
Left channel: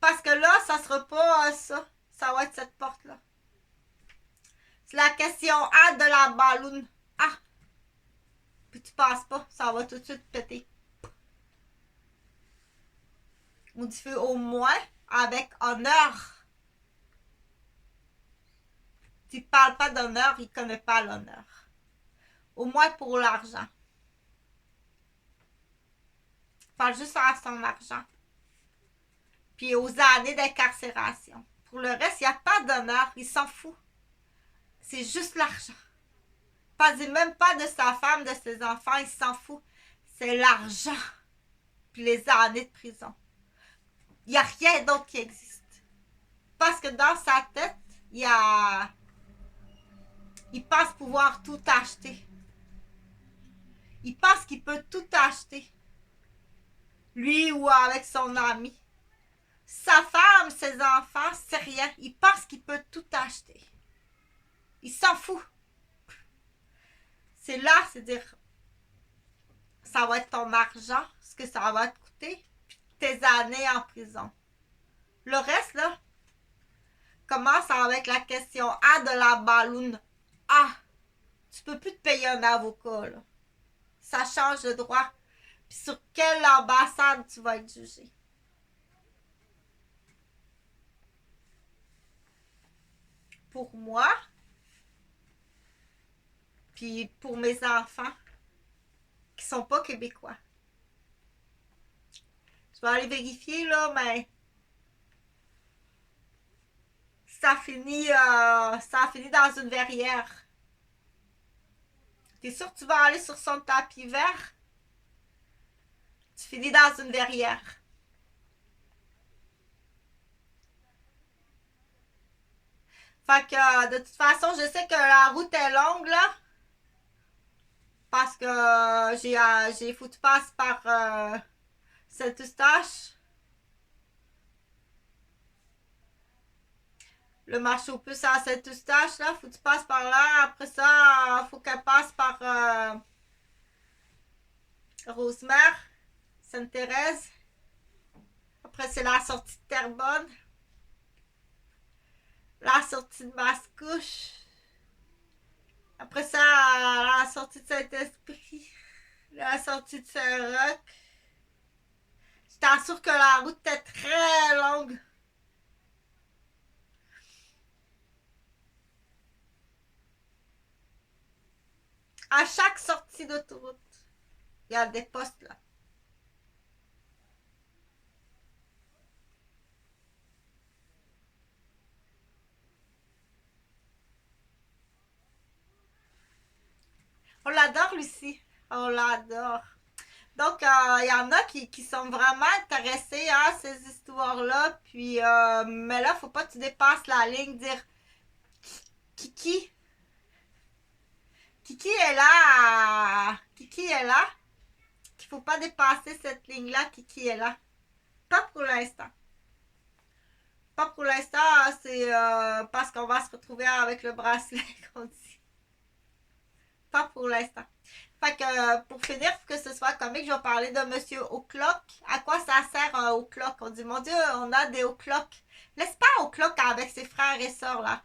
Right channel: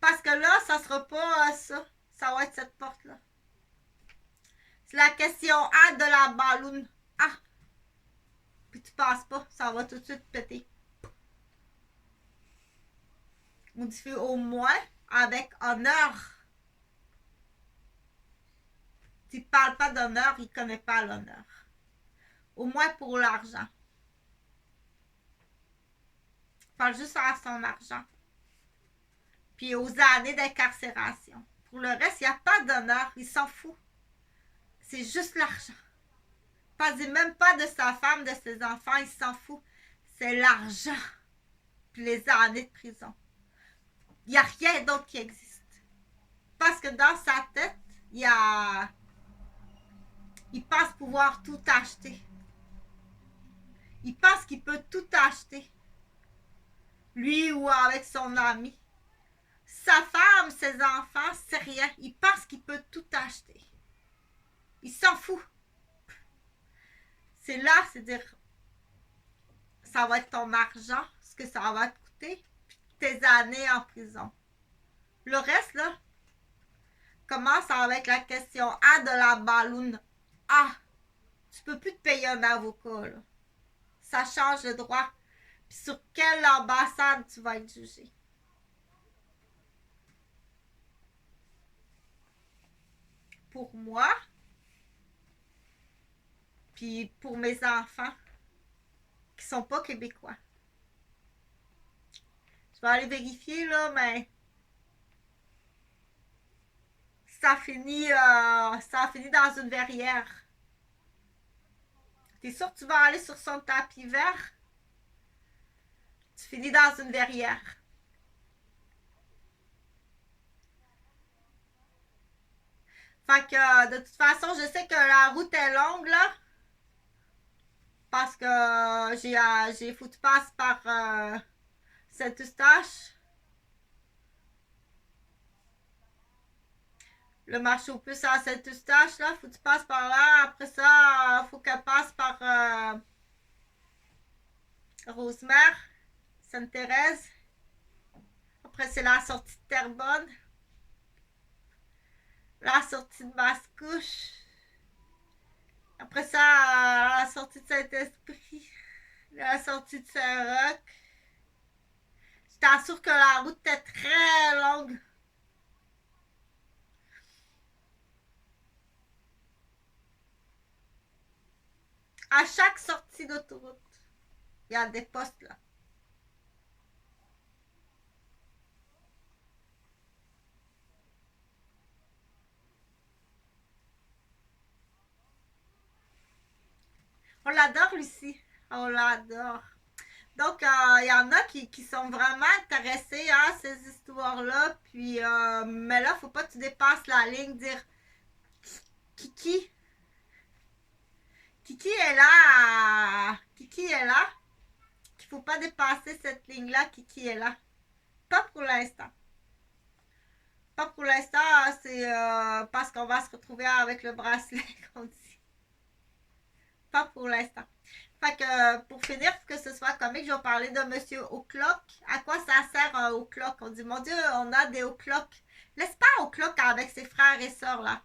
Parce que là, ça sera pas ça. Ça va être cette porte-là. C'est la question A de la balloune A. Puis tu passes pas, ça va tout de suite péter. On dit fait au moins avec honneur. Tu parles pas d'honneur, il connaît pas l'honneur. Au moins pour l'argent. Parle juste à son argent. puis aux années d'incarcération. Pour le reste, il n'y a pas d'honneur, il s'en fout. C'est juste l'argent. Pas même pas de sa femme, de ses enfants, il s'en fout. C'est l'argent, puis les années de prison. Il n'y a rien d'autre qui existe. Parce que dans sa tête, il pense pouvoir tout acheter. Il pense qu'il peut tout acheter. Lui ou avec son ami. Sa femme, ses enfants, c'est rien. Il pense qu'il peut tout acheter. Il s'en fout. C'est là, c'est dire, ça va être ton argent, ce que ça va te coûter, puis tes années en prison. Le reste, là, commence avec la question A de la balloune. A, tu peux plus te payer un avocat, là. Ça change de droit. Puis sur quelle ambassade tu vas être jugé. Pour moi, puis pour mes enfants qui sont pas québécois. Je vais aller vérifier, là, mais ça finit dans une verrière. T'es sûr que tu vas aller sur son tapis vert? Tu finis dans une verrière. Fait que, de toute façon, je sais que la route est longue, là. Parce que j'ai foutu passe par Saint-Eustache. Le marché aux puces à Saint-Eustache, là. Faut que tu passes par là. Après ça, faut qu'elle passe par Rosemère, Sainte-Thérèse. Après, c'est la sortie de Terrebonne. La sortie de Mascouche. Après ça, la sortie de Saint-Esprit. La sortie de Saint-Roch. Je t'assure que la route est très longue. À chaque sortie d'autoroute, il y a des postes là. On l'adore, Lucie. On l'adore. Donc, il y en a qui sont vraiment intéressés à ces histoires-là. Puis, mais là, faut pas que tu dépasses la ligne, dire Kiki. Kiki est là. Kiki est là. Il faut pas dépasser cette ligne-là. Kiki est là. Pas pour l'instant. Pas pour l'instant, c'est parce qu'on va se retrouver avec le bracelet qu'on dit. Pas pour l'instant. Fait que pour finir, que ce soit comique, je vais parler de Monsieur O'Clock. À quoi ça sert un O'Clock? On dit, mon Dieu, on a des O'Clock. Laisse pas O'Clock avec ses frères et sœurs là.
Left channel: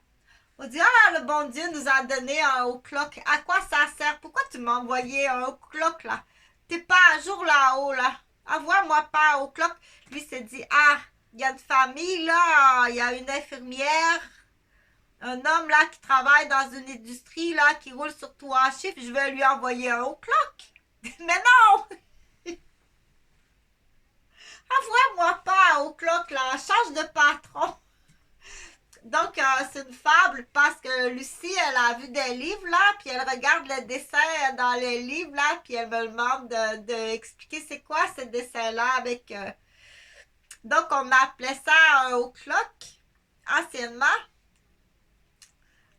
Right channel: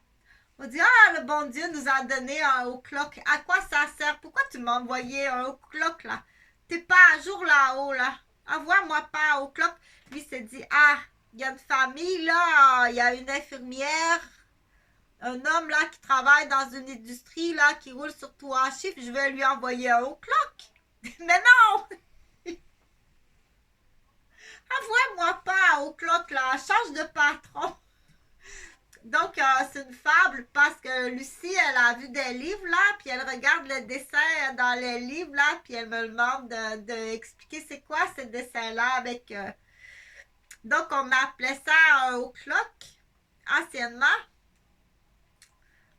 On dit, ah, le bon Dieu nous a donné un O'Clock. À quoi ça sert? Pourquoi tu m'as envoyé un O'Clock là? T'es pas à jour là-haut là. Envoie-moi pas un O'Clock. Lui s'est dit, ah, il y a une famille là, il y a une infirmière, un homme là qui travaille dans une industrie là, qui roule sur 3 chiffres, je vais lui envoyer un O'Clock. Mais non! Envoie-moi pas un O'Clock là, change de patron. Donc, c'est une fable parce que Lucie, elle a vu des livres là, puis elle regarde le dessin dans les livres là, puis elle me demande d'expliquer c'est quoi ce dessin-là avec... Donc, on appelait ça un O'Clock anciennement.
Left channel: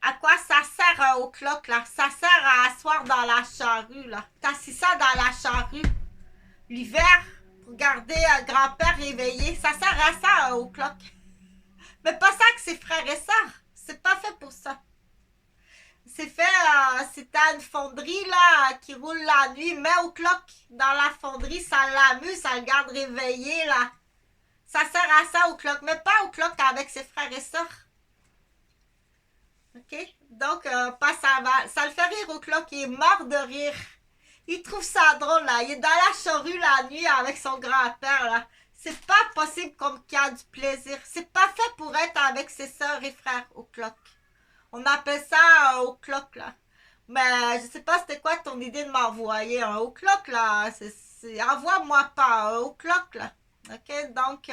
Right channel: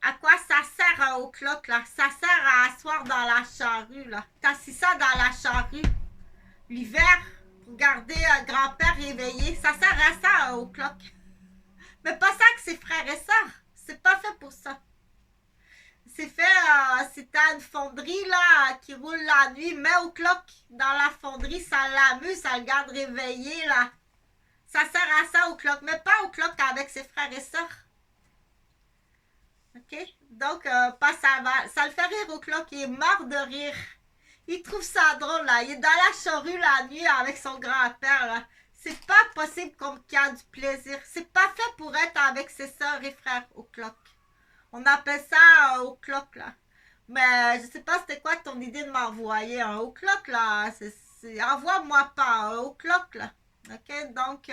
À quoi ça sert un O'Clock là? Ça sert à asseoir dans la charrue là. T'assis ça dans la charrue l'hiver pour garder un grand-père réveillé. Ça sert à ça un O'Clock. Mais pas ça que ses frères et sœurs. C'est pas fait pour ça. C'est fait, si t'as une fonderie là qui roule la nuit, mets O'Clock dans la fonderie, ça l'amuse, ça le garde réveillé là. Ça sert à ça O'Clock, mais pas O'Clock avec ses frères et sœurs. OK? Donc, pas ça le fait rire O'Clock, il est mort de rire. Il trouve ça drôle, là. Il est dans la charrue la nuit avec son grand-père, là. C'est pas possible qu'il y a du plaisir. C'est pas fait pour être avec ses sœurs et frères O'Clock. On appelle ça un O'Clock, là. Mais je sais pas c'était quoi ton idée de m'envoyer un O'Clock, là. Envoie-moi pas un O'Clock, là. OK? Donc,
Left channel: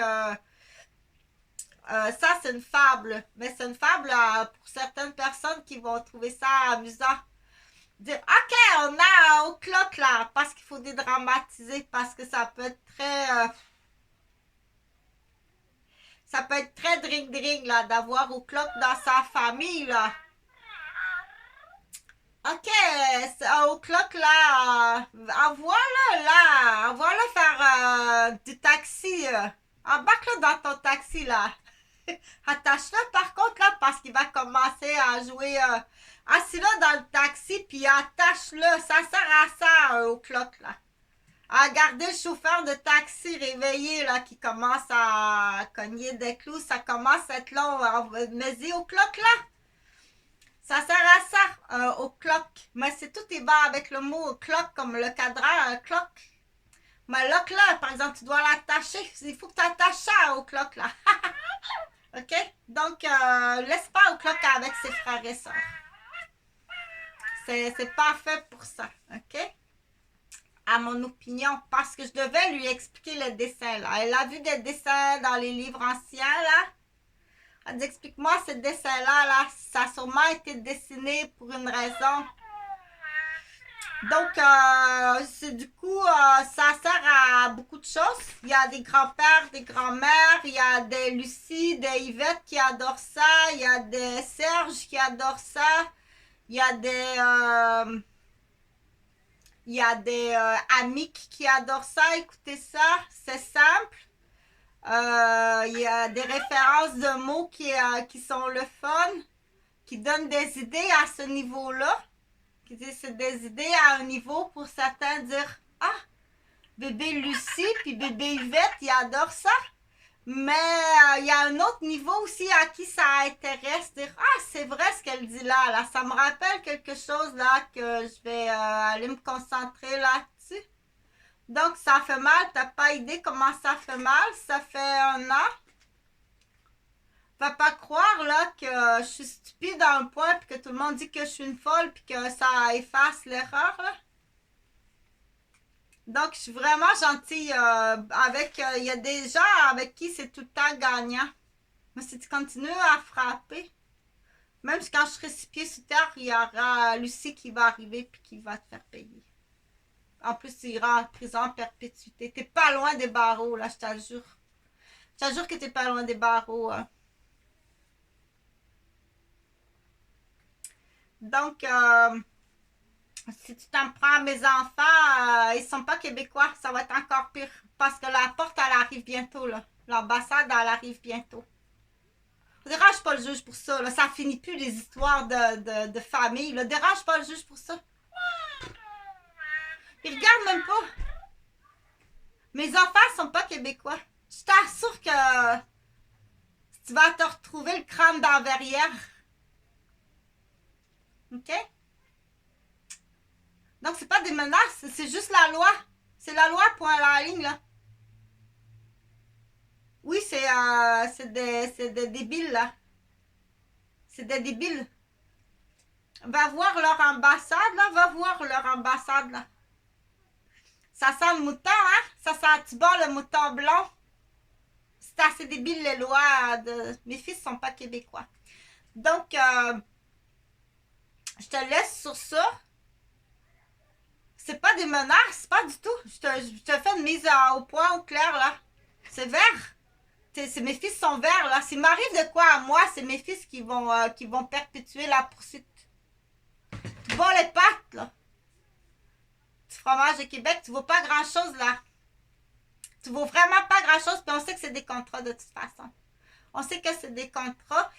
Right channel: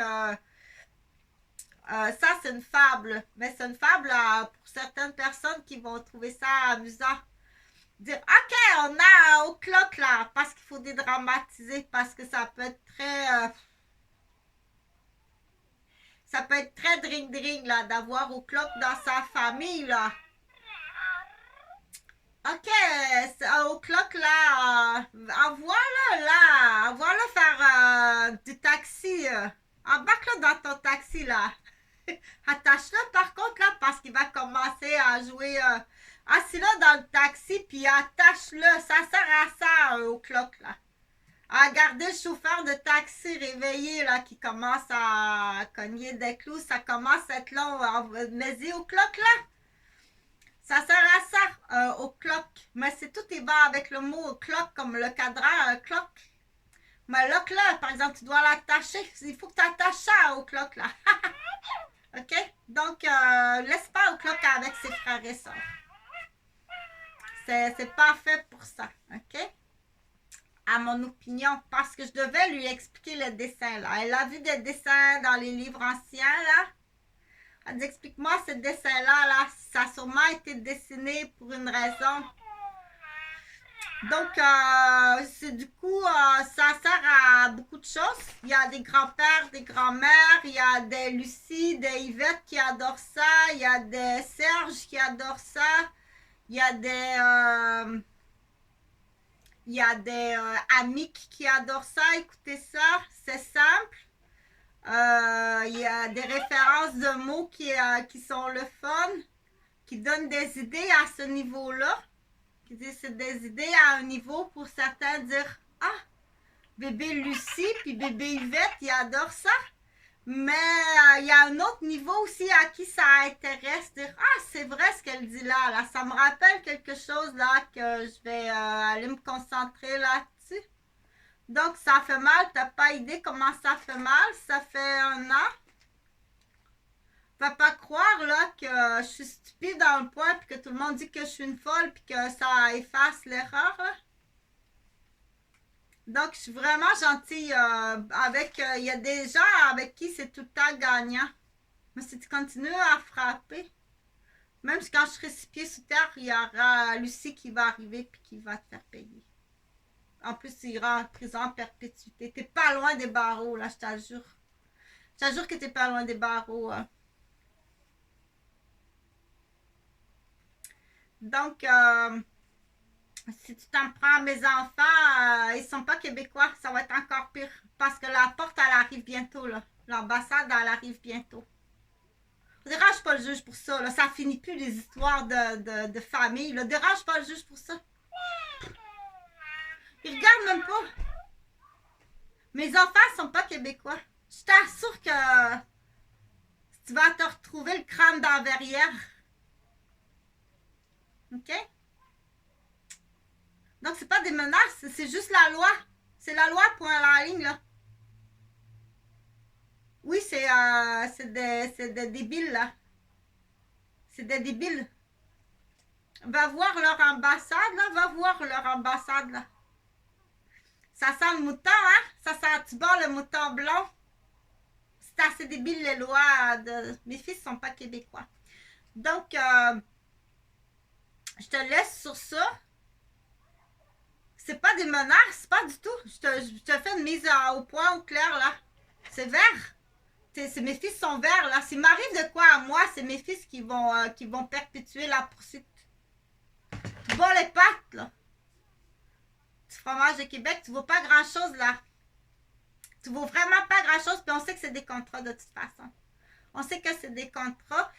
Ça, c'est une fable. Mais c'est une fable pour certaines personnes qui vont trouver ça amusant. Dire, OK, on a au clock là, parce qu'il faut dédramatiser, parce que ça peut être très... ça peut être très drink-drink là, d'avoir au clock dans sa famille là. OK, au clock là, envoie-le là, envoie-le faire du taxi. Embarque-le dans ton taxi là. Attache-le par contre là, parce qu'il va commencer à jouer. Assis-le dans le taxi, puis attache-le. Ça sert à ça au clock là. À garder le chauffeur de taxi réveillé là, qui commence à cogner des clous. Ça commence à être long. Mais au clock là. Ça sert à ça, au clock. Mais c'est tout est bas avec le mot clock, comme le cadran, clock. Mais là, par exemple, tu dois l'attacher. Il faut que tu attaches ça au clock, là. OK? Donc, laisse pas au clock avec ses frères et sœurs. C'est pas fait pour ça. OK? À mon opinion. Parce que je devais lui expliquer le dessin, là. Elle a vu des dessins dans les livres anciens, là. Elle dit, explique-moi ce dessin-là, là. Ça a sûrement été dessiné pour une raison. Donc, du coup, ça sert à beaucoup de choses. Il y a des grands-pères, des grands-mères, il y a des Lucie, des Yvette qui adorent ça, il y a des Serge qui adorent ça, il y a des Amic qui adorent ça. Écoutez ça, c'est simple. Il y a des références de mots qui sont le fun, qui donnent des idées à ce niveau-là. C'est des idées à un niveau pour certains dire ah, bébé Lucie puis bébé Yvette, ils adorent ça. Mais il y a un autre niveau aussi à qui ça intéresse. Dire ah, c'est vrai ce qu'elle dit là. Ça me rappelle quelque chose là que je vais aller me concentrer là-dessus. Donc, ça fait mal. T'as pas idée comment ça fait mal. Ça fait 1 an. Va pas croire là que je suis stupide à un point puis que tout le monde dit que je suis une folle puis que ça efface l'erreur là. Donc, je suis vraiment gentille avec... Il y a des gens avec qui c'est tout le temps gagnant. Mais si tu continues à frapper, même quand je serai 6 pieds sous terre, il y aura Lucie qui va arriver puis qui va te faire payer. En plus, tu iras en prison en perpétuité. T'es pas loin des barreaux, là, je t'assure. Je t'assure que t'es pas loin des barreaux. Donc, si tu t'en prends à mes enfants, ils sont pas québécois, ça va être encore pire. Parce que la porte, elle arrive bientôt, là. L'ambassade, elle arrive bientôt. Dérange pas le juge pour ça, là. Ça finit plus les histoires de famille, là. Dérange pas le juge pour ça. Il regarde même pas. Mes enfants sont pas québécois. Je t'assure que tu vas te retrouver le crâne dans la verrière. OK? Donc, c'est pas des menaces, c'est juste la loi. C'est la loi, point à la ligne, là. Oui, c'est des débiles, là. C'est des débiles. Va voir leur ambassade, là. Va voir leur ambassade, là. Ça sent le mouton, hein? Ça sent, tu bats le mouton blanc. C'est assez débile, les lois de... Mes fils sont pas québécois. Donc, je te laisse sur ça. C'est pas des menaces, pas du tout. Je te fais une mise au point au clair, là. C'est vert. Mes fils sont verts, là. S'il m'arrive de quoi à moi, c'est mes fils qui vont perpétuer la poursuite. Tu bats les pattes, là. Du fromage de Québec, tu vaux pas grand-chose, là. Tu vaux vraiment pas grand-chose, puis on sait que c'est des contrats, de toute façon. On sait que c'est des contrats.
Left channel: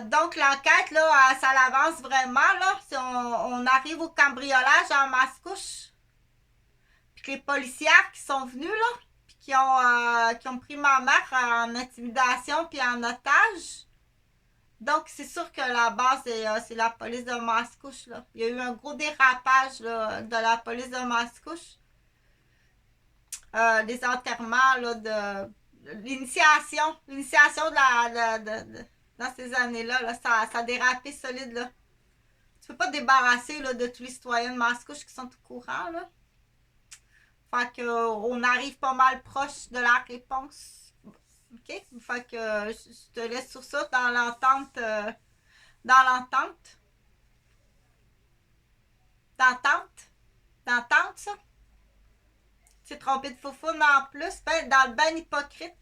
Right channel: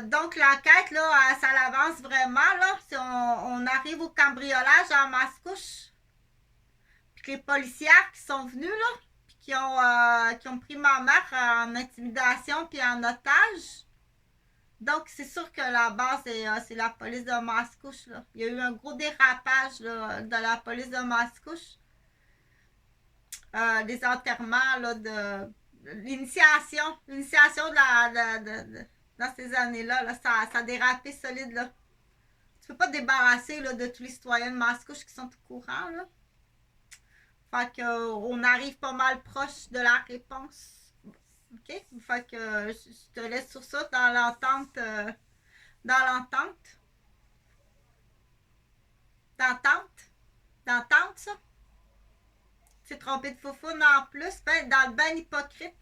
Donc, l'enquête, là, ça l'avance vraiment, là. Si on arrive au cambriolage en Mascouche, puis que les policiers qui sont venus, là, puis qui ont pris ma mère en intimidation puis en otage. Donc, c'est sûr que la base, c'est la police de Mascouche, là. Il y a eu un gros dérapage, là, de la police de Mascouche. Des enterrements, là, de l'initiation dans ces années-là, là, ça a dérapé solide, là. Tu peux pas te débarrasser, là, de tous les citoyens de Mascouche qui sont au courant, là. Fait qu'on arrive pas mal proche de la réponse. OK? Fait que je te laisse sur ça dans l'entente. Dans l'entente. D'entente. D'entente, ça? Tu t'es trompé de foufoune en plus. Ben, dans le ban hypocrite.